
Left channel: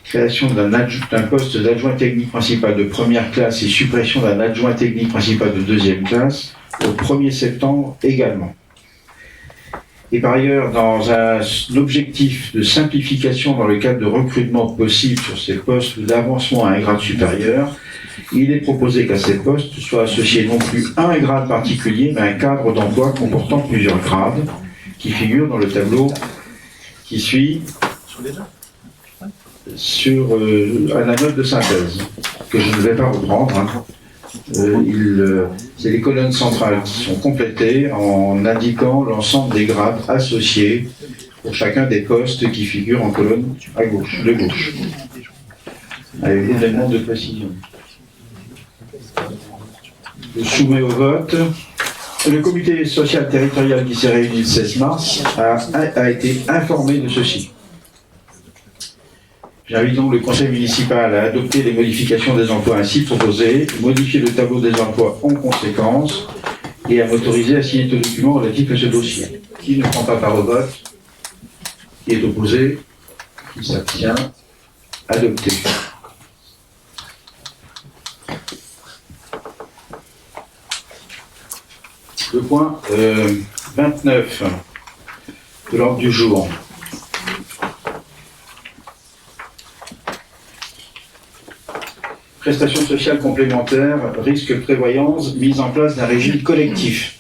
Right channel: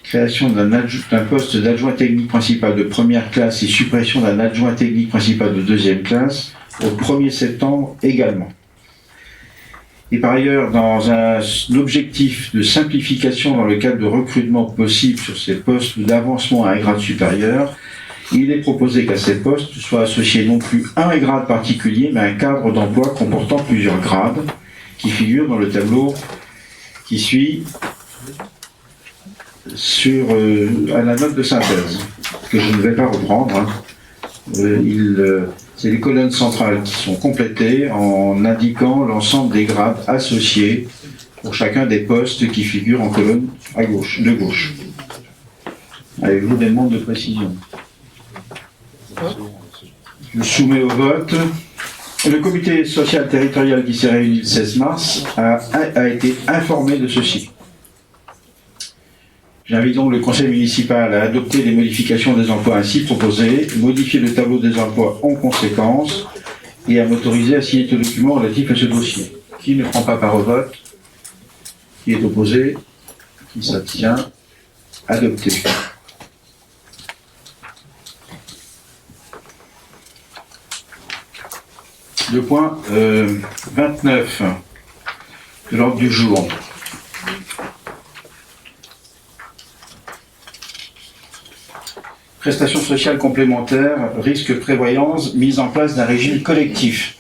création d'un poste d'adjoint technique principal de première classe et suppression d'un adjoint technique principal de deuxième classe au 1er septembre également. Et par ailleurs, dans un objectif de simplification dans le cadre de recrutement possible sur ces postes d'avancement à un grade supérieur, il est proposé qu'à ces postes soit associé non plus un grade particulier, mais un cadre d'emploi comportant plusieurs grades qui figurent dans le tableau qui suit à la note de synthèse, que je ne vais pas reprendre. C'est les colonnes centrales qui sont complétées en indiquant l'ensemble des grades associés pour chacun des postes qui figurent en colonne à gauche, de gauche. Avec des éléments de précision. Je soumets au vote. Le comité social territorial qui s'est réuni le 16 mars a été informé de ceci. J'invite donc le conseil municipal à adopter les modifications des emplois ainsi proposées, modifier le tableau des emplois en conséquence et à m'autoriser à signer tout document relatif à ce dossier. Qui ne prend pas part au vote? Qui est opposé? Qui s'abstient? Adopté. Le point 29 de l'ordre du jour. Prestations sociales complémentaires, risque prévoyance, mise en place d'un régime collectif.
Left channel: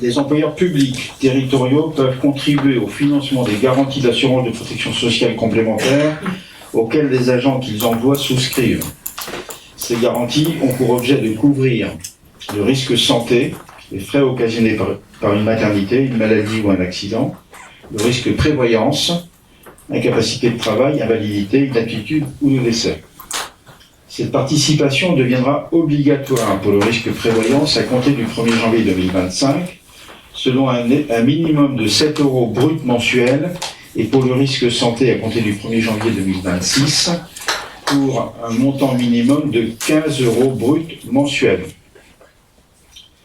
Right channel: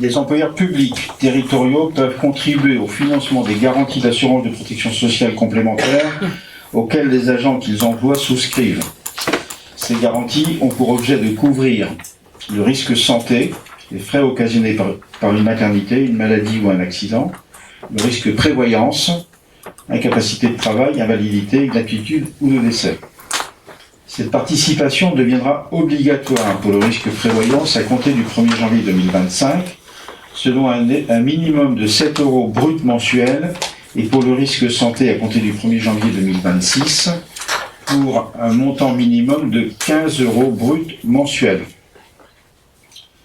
Les employeurs publics territoriaux peuvent contribuer au financement des garanties d'assurance de protection sociale complémentaire auxquelles les agents qu'ils emploient souscrivent. Ces garanties ont pour objet de couvrir le risque santé, les frais occasionnés par une maternité, une maladie ou un accident, le risque prévoyance, incapacité de travail, invalidité, inaptitude ou de décès. Cette participation deviendra obligatoire pour le risque prévoyance à compter du 1er janvier 2025, selon un minimum de 7 € brut mensuels et pour le risque santé à compter du 1er janvier 2026 pour un montant minimum de 15 € brut mensuels.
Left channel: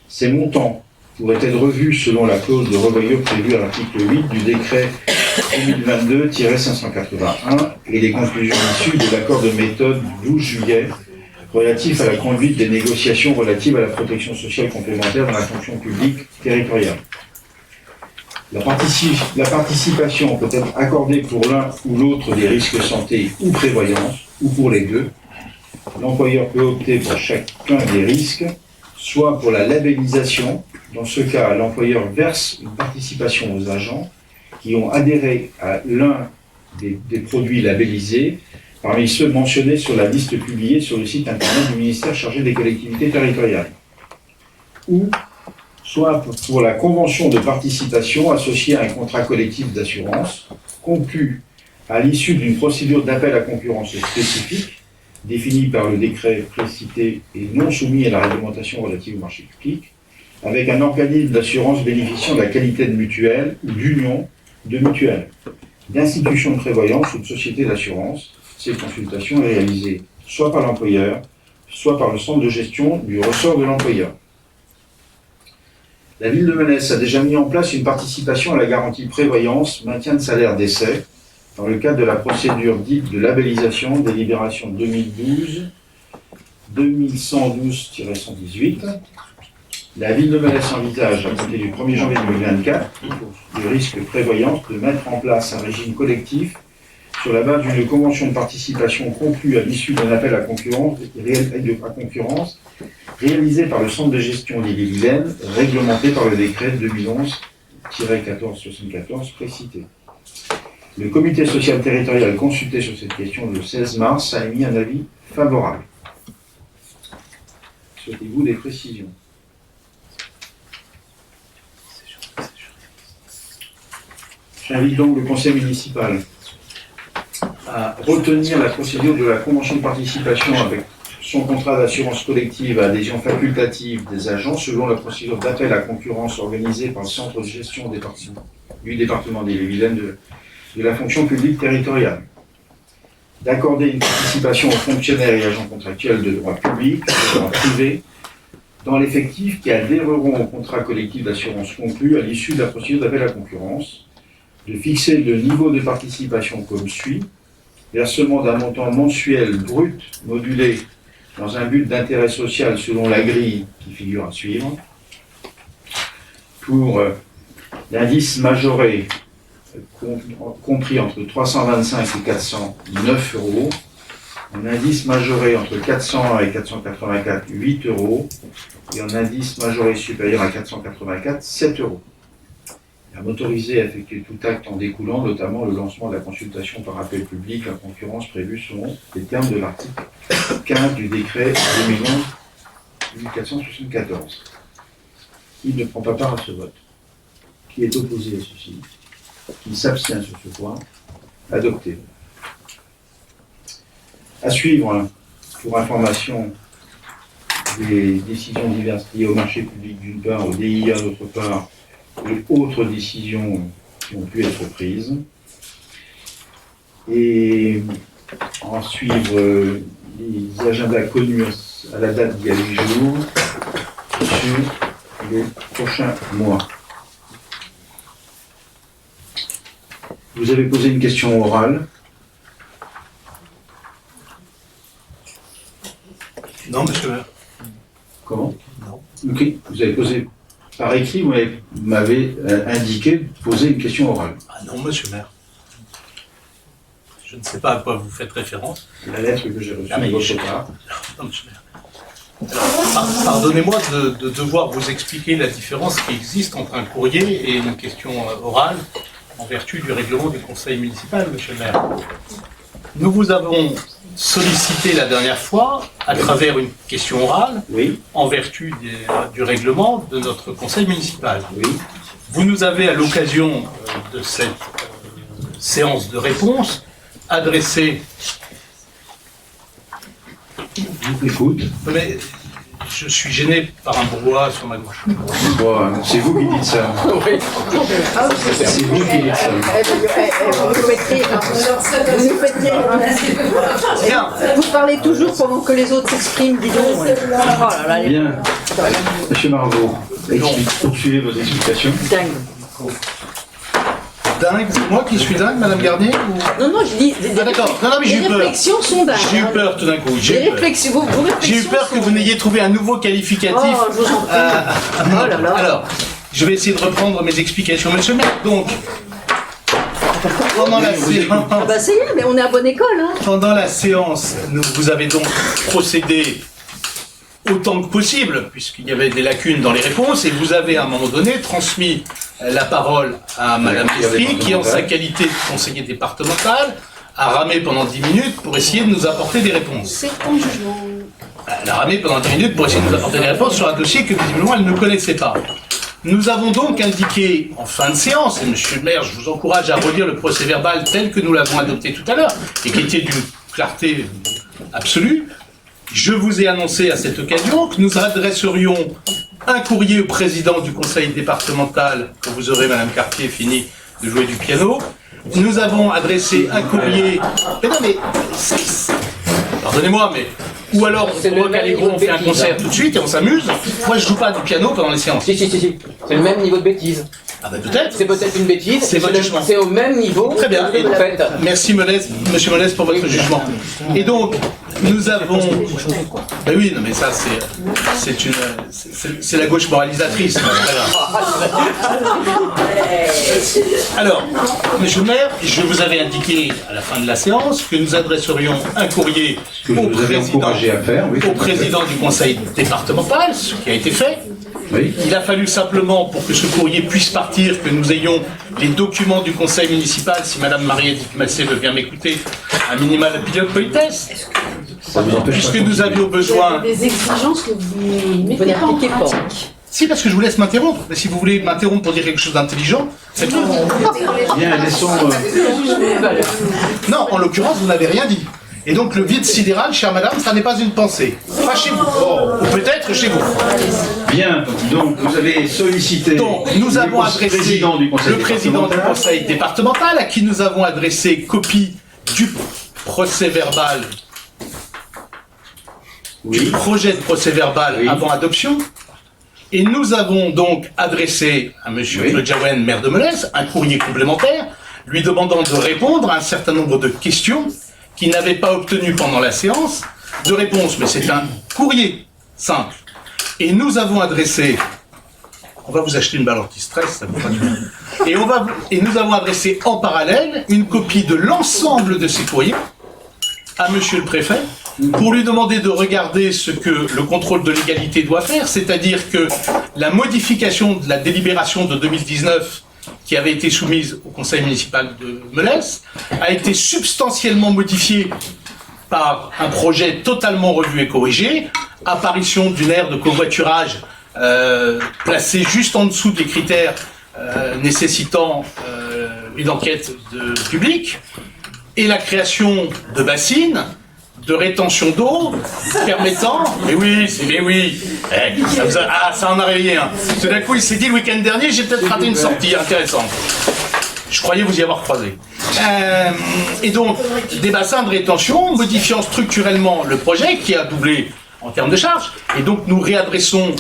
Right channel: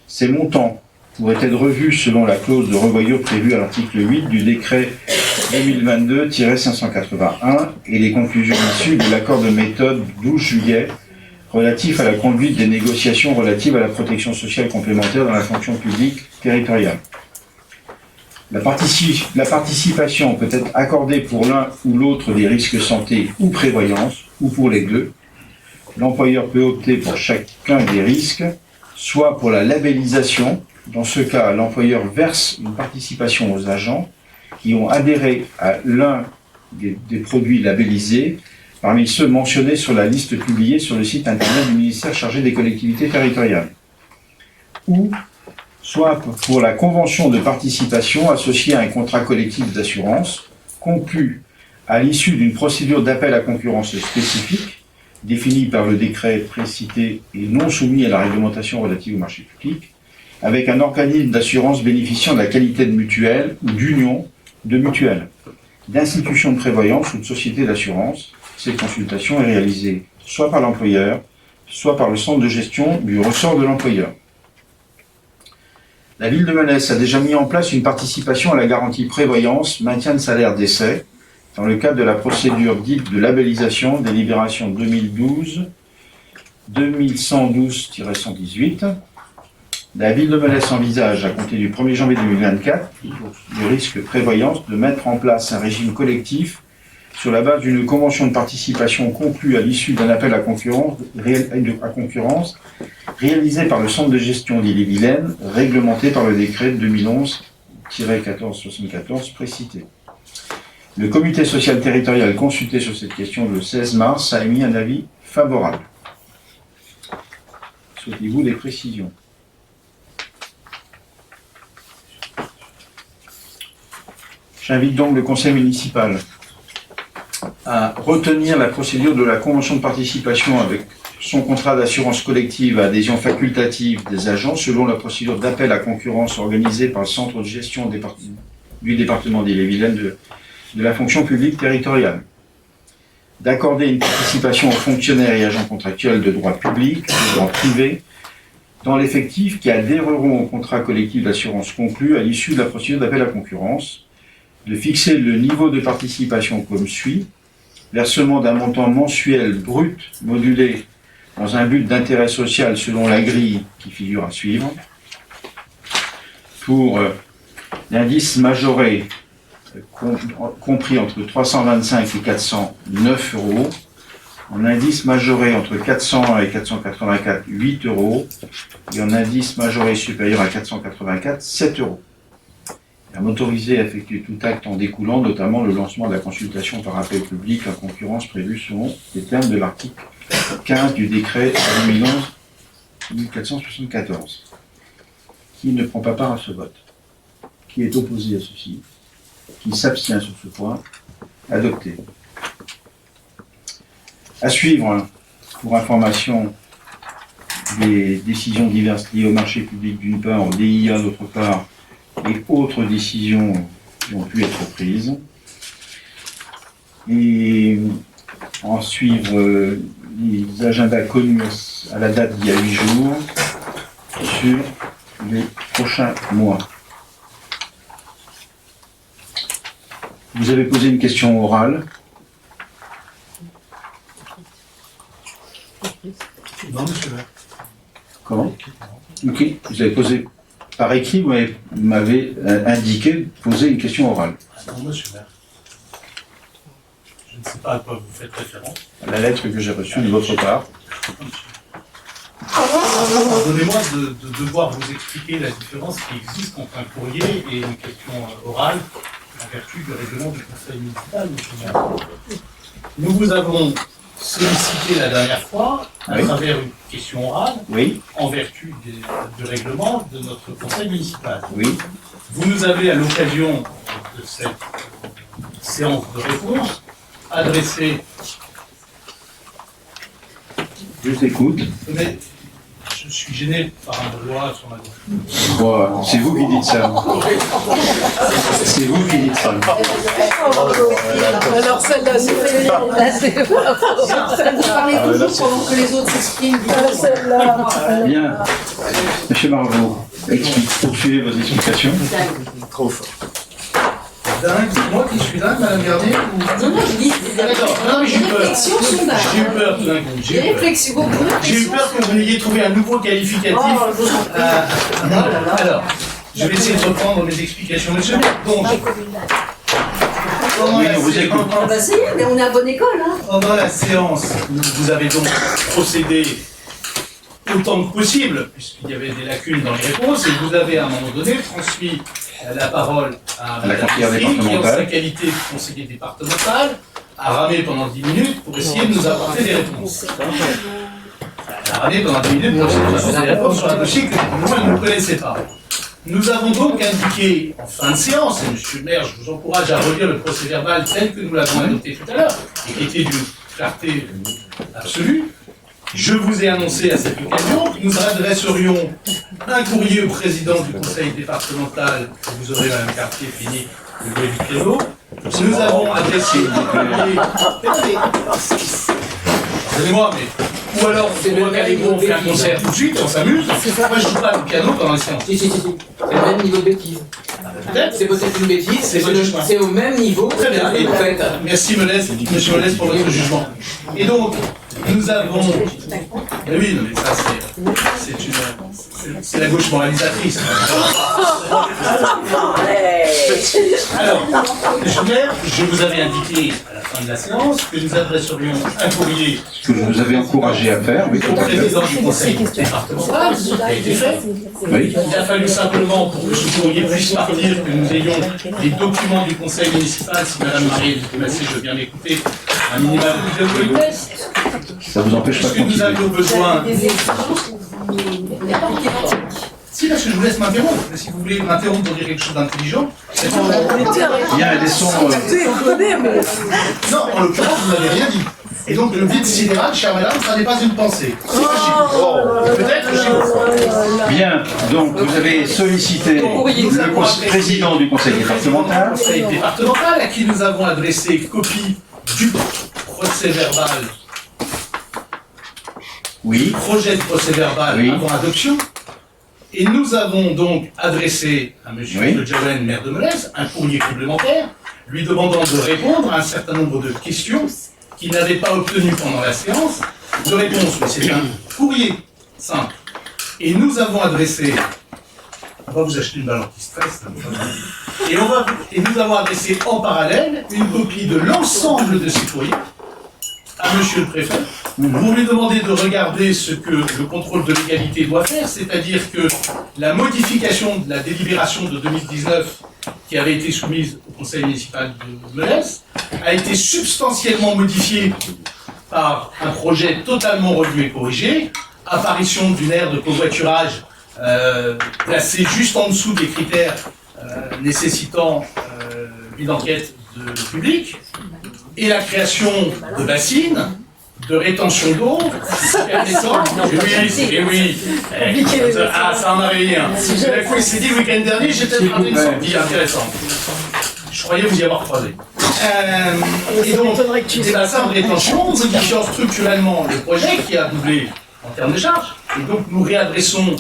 Ces montants pourraient être revus selon la clause de revoyure prévue à l'article 8 du décret 2022-581 et les conclusions issues de l'accord de méthode 12 juillet relatif à la conduite des négociations relatives à la protection sociale complémentaire dans la fonction publique territoriale. La participation peut être accordée pour l'un ou l'autre des risques santé ou prévoyance, ou pour les deux. L'employeur peut opter pour chacun des risques, soit pour la labellisation. Dans ce cas, l'employeur verse une participation aux agents qui ont adhéré à l'un des produits labellisés, parmi ceux mentionnés sur la liste publiée sur le site internet du ministère chargé des collectivités territoriales. Ou soit pour la convention de participation associée à un contrat collectif d'assurance, conclu à l'issue d'une procédure d'appel à concurrence spécifique, définie par le décret précité et non soumis à la réglementation relative au marché public, avec un organisme d'assurance bénéficiant de la qualité de mutuelle ou d'union de mutuelle, d'institution de prévoyance ou de société d'assurance. Cette consultation est réalisée soit par l'employeur, soit par le centre de gestion du ressort de l'employeur. La ville de Melesse a déjà mis en place une participation à la garantie prévoyance, maintien de salaire d'essai, dans le cadre de la procédure dite de labellisation des libérations 2012-2112-118. La ville de Melesse envisage, à compter du 1er janvier 2024, du risque prévoyance, de mettre en place un régime collectif sur la base d'une convention de participation conclue à l'issue d'un appel à concurrence réalisé par le centre de gestion d'Ille-et-Vilaine, réglementé par le décret 2011-1474 précité. Le comité social territorial consulté sur cette question le 16 mars a émis un avis favorable. Souhaitez-vous des précisions? J'invite donc le conseil municipal à retenir la procédure de la convention de participation avec son contrat d'assurance collective à adhésion facultative des agents selon la procédure d'appel à concurrence organisée par le centre de gestion du département d'Ille-et-Vilaine de la fonction publique territoriale. D'accorder une participation aux fonctionnaires et agents contractuels de droit public, de droit privé, dans l'effectif qui adhéreront au contrat collectif d'assurance conclu à l'issue de la procédure d'appel à concurrence, de fixer le niveau de participation comme suit: versement d'un montant mensuel brut modulé dans un but d'intérêt social selon la grille qui figure à suivre, pour l'indice majoré compris entre 325 et 409 €, en indice majoré entre 401 et 484, 8 €, et en indice majoré supérieur à 484, 7 €. À m'autoriser à effectuer tout acte en découlant, notamment le lancement de la consultation par appel public à concurrence prévue selon les termes de l'article 15 du décret 2011-1474. Qui ne prend pas part à ce vote? Qui est opposé à ceci? Qui s'abstient sur ce point? Adopté. À suivre, pour information, des décisions diverses liées au marché public d'une part, au DIA d'autre part, et autres décisions qui ont pu être prises. Et en suivre les agendas connus à la date d'il y a 8 jours sur les prochains mois. Vous avez posé une question orale. Non, monsieur le maire. Comment? Ok, vous avez posé par écrit, vous m'avez indiqué de poser une question orale. Ah non, monsieur le maire. Je ne sais pas à quoi vous faites référence. La lettre que j'ai reçue de votre part. Non, monsieur le maire. Pardonnez-moi de devoir vous expliquer la différence qui existe entre un courrier et une question orale en vertu du règlement du conseil municipal, monsieur le maire. Nous vous avons sollicité la dernière fois à travers une question orale en vertu du règlement de notre conseil municipal. Vous nous avez, à l'occasion de cette séance de réponse, adressé... Je vous écoute. Mais je suis gêné par un bourgeois sur ma gauche. Bon, c'est vous qui dites ça. C'est vous qui dites ça. Alors celle-là, c'est Vous parlez toujours pendant que les autres s'expriment, dis donc. Bien. Monsieur Marvaux, poursuivez vos explications. Dingue, c'est moi qui suis dingue, Madame Garnier ou... Non, je dis des D'accord. Non, mais j'ai eu peur. réflexions sont dingues. J'ai eu peur tout d'un coup. Des J'ai eu peur. réflexions, vos J'ai eu réflexions peur que vous n'ayez trouvé un nouveau qualificatif. Oh, je vous en prie. Oh là là. Alors, je vais essayer de reprendre mes explications, monsieur. Donc, pendant la séance, Ah bah ça y est, mais on est à bonne école, hein. pendant la séance, vous avez donc procédé autant que possible, puisqu'il y avait des lacunes dans les réponses, et vous avez à un moment donné transmis la parole à Madame Mistry, qui en sa qualité de conseiller départemental a ramé pendant 10 minutes pour essayer de nous apporter des réponses. Elle a ramé pendant 10 minutes pour essayer de nous apporter des réponses sur un dossier que visiblement elle ne connaissait pas. Nous avons donc indiqué en fin de séance, et monsieur le maire, je vous encourage à relire le procès verbal tel que nous l'avons adopté tout à l'heure, et qui était d'une clarté absolue. Je vous ai annoncé à cette occasion que nous adresserions un courrier au président du conseil départemental, que vous aurez, Madame Cartier, fini de jouer du piano. Nous avons adressé un courrier... Pardonnez-moi, mais... Ou alors, on fait un concert tout de suite et on s'amuse. Moi, je joue pas du piano pendant les séances. Si. C'est le même niveau de bêtise. Ah bah peut-être. C'est peut-être une bêtise, c'est au même niveau. Très bien. En fait. Merci Monsieur Molès pour votre jugement. Et donc, nous avons... Ben oui, non mais ça c'est la gauche moralisatrice. Alors, Monsieur le maire, je vous avais indiqué à la fin de la séance que nous adresserions un courrier Ce que je vous avais encouragé à faire, oui. au président du conseil départemental, ce qui a été fait. Oui. Il a fallu simplement, pour que ce courrier puisse partir, que nous ayons les documents du conseil municipal, si Madame Marie Massé veut bien m'écouter, un minimum de politesse. Ça vous empêche pas de Puisque nous continuer. avions besoin... Des exigences que vous mettez pas en pratique. Si, parce que je vous laisse m'interrompre. Mais si vous voulez m'interrompre pour dire quelque chose d'intelligent, c'est tout. Bien, laissons... Non, en l'occurrence, vous n'avez rien dit. Et donc, le vide sidéral, chère madame, ça n'est pas une pensée. C'est pas chez vous. Ou peut-être chez vous. Bien, donc vous avez sollicité Donc, nous avons le adressé président du conseil le président du départemental. conseil départemental, à qui nous avons adressé copie du procès verbal, du Oui, projet de procès verbal Oui. avant adoption. Et nous avons donc adressé à M. Oui. Claude Jaouen, maire de Molès, un courrier complémentaire, lui demandant de répondre à un certain nombre de questions qu'il n'avait pas obtenues pendant la séance de réponse. Mais c'est un courrier simple. Et nous avons adressé... On va vous acheter une balle anti-stress, ça vous va. Et nous avons adressé en parallèle une copie de l'ensemble de ces courriers à monsieur le préfet pour lui demander de regarder ce que le contrôle de légalité doit faire, c'est-à-dire que la modification de la délibération de 2019 qui avait été soumise au conseil municipal de Molès a été substantiellement modifiée par un projet totalement revu et corrigé, apparition d'une aire de covoiturage placée juste en dessous des critères nécessitant une enquête publique, et la création de bassines, de rétention d'eau, permettant... Mais oui, ça en a réveillé un. Tout d'un coup, il s'est dit le week-end dernier, j'ai peut-être raté une sortie intéressante. Je croyais vous y avoir croisé. Et donc, des bassins de rétention, modifiant structurellement le projet, qui a doublé en termes de charges, et donc nous réadressons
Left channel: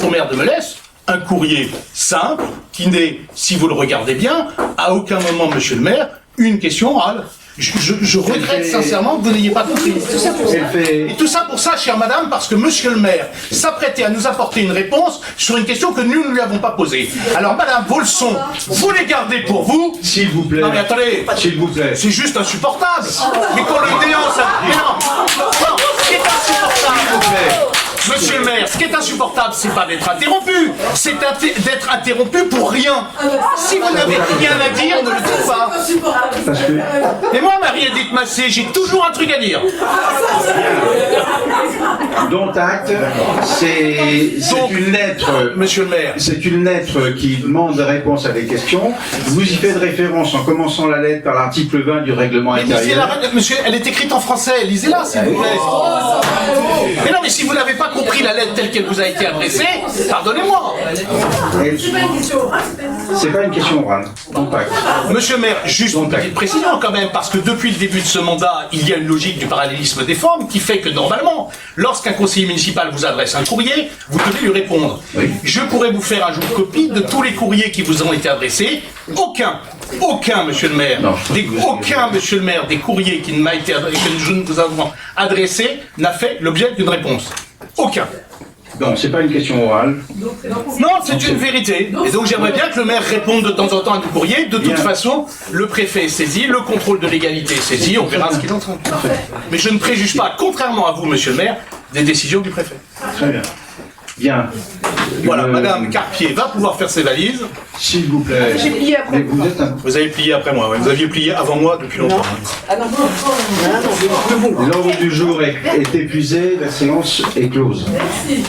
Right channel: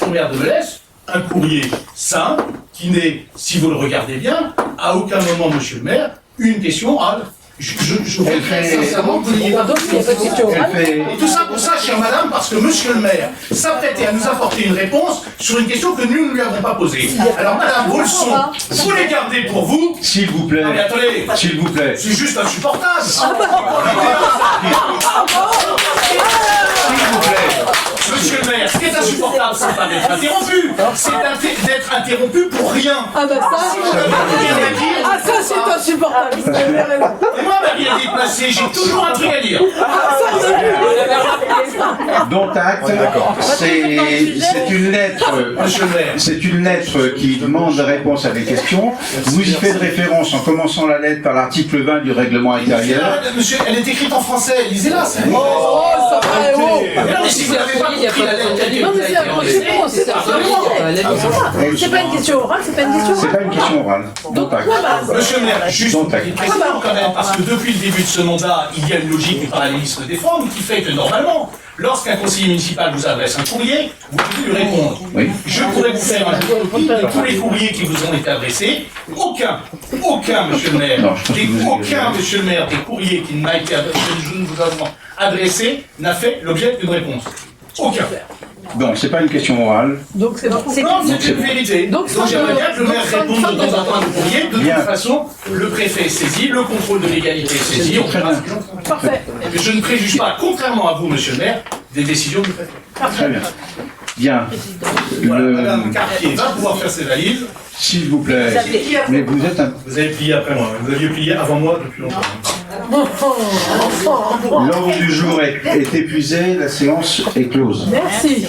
au maire de Molès un courrier simple, qui n'est, si vous le regardez bien, à aucun moment, monsieur le maire, une question orale. Je regrette sincèrement que vous n'ayez pas donné une question orale. Et tout ça pour ça, chère madame, parce que monsieur le maire s'apprêtait à nous apporter une réponse sur une question que nous ne lui avons pas posée. Alors madame, vos leçons, vous les gardez pour vous. s'il vous plaît, Non mais attendez, s'il vous plaît, c'est juste insupportable. Mais qu'on l'idée, s'il vous plaît. monsieur le maire, ce qui est insupportable, c'est pas d'être interrompu, c'est d'être interrompu pour rien. Si vous n'avez rien à dire, vous ne faites pas. insupportable. Et moi, Marie-Edith Massé, j'ai toujours un truc à dire. Dont acte, c'est une lettre, Monsieur le maire. c'est une lettre qui demande réponse à des questions. Vous y faites référence en commençant la lettre par l'article 20 du règlement intérieur. Monsieur, elle est écrite en français, lisez-la, c'est vrai. Mais non, mais si vous n'avez pas compris la lettre telle qu'elle vous a été adressée, pardonnez-moi. C'est pas une question orale, c'est pas une question C'est orale. pas une question orale. Donc, acte. Monsieur le maire, juste Donc, une précision quand même, parce que depuis le début de ce mandat, il y a une logique du parallélisme des formes qui fait que normalement, lorsqu'un conseiller municipal vous adresse un courrier, vous devez lui répondre. Oui. Je pourrais vous faire un copie de tous les courriers qui vous ont été adressés. Aucun, monsieur le maire, Non, je pense que vous avez- aucun, monsieur le maire, des courriers qui ne m'a été adressé, que je ne vous avons adressé, n'a fait l'objet d'une réponse. Aucun. Donc, c'est pas une question orale. Donc c'est pas Non, c'est une vérité. Et donc j'aimerais bien que le maire réponde de temps en temps à nos courriers. De Bien. toute façon, le préfet est saisi, le contrôle de légalité est saisi, on verra ce qu'ils en font. parfait. Mais je ne préjuge pas, contrairement à vous, monsieur le maire, des décisions du préfet. Très bien. Bien. Voilà, Le- madame Carpier va pouvoir faire ses valises. S'il vous plaît. J'ai plié après. Mais vous êtes un... Vous avez plié après moi, ouais. Vous aviez plié avant moi depuis longtemps. L'ordre du jour est épuisé, la séance est close. Merci.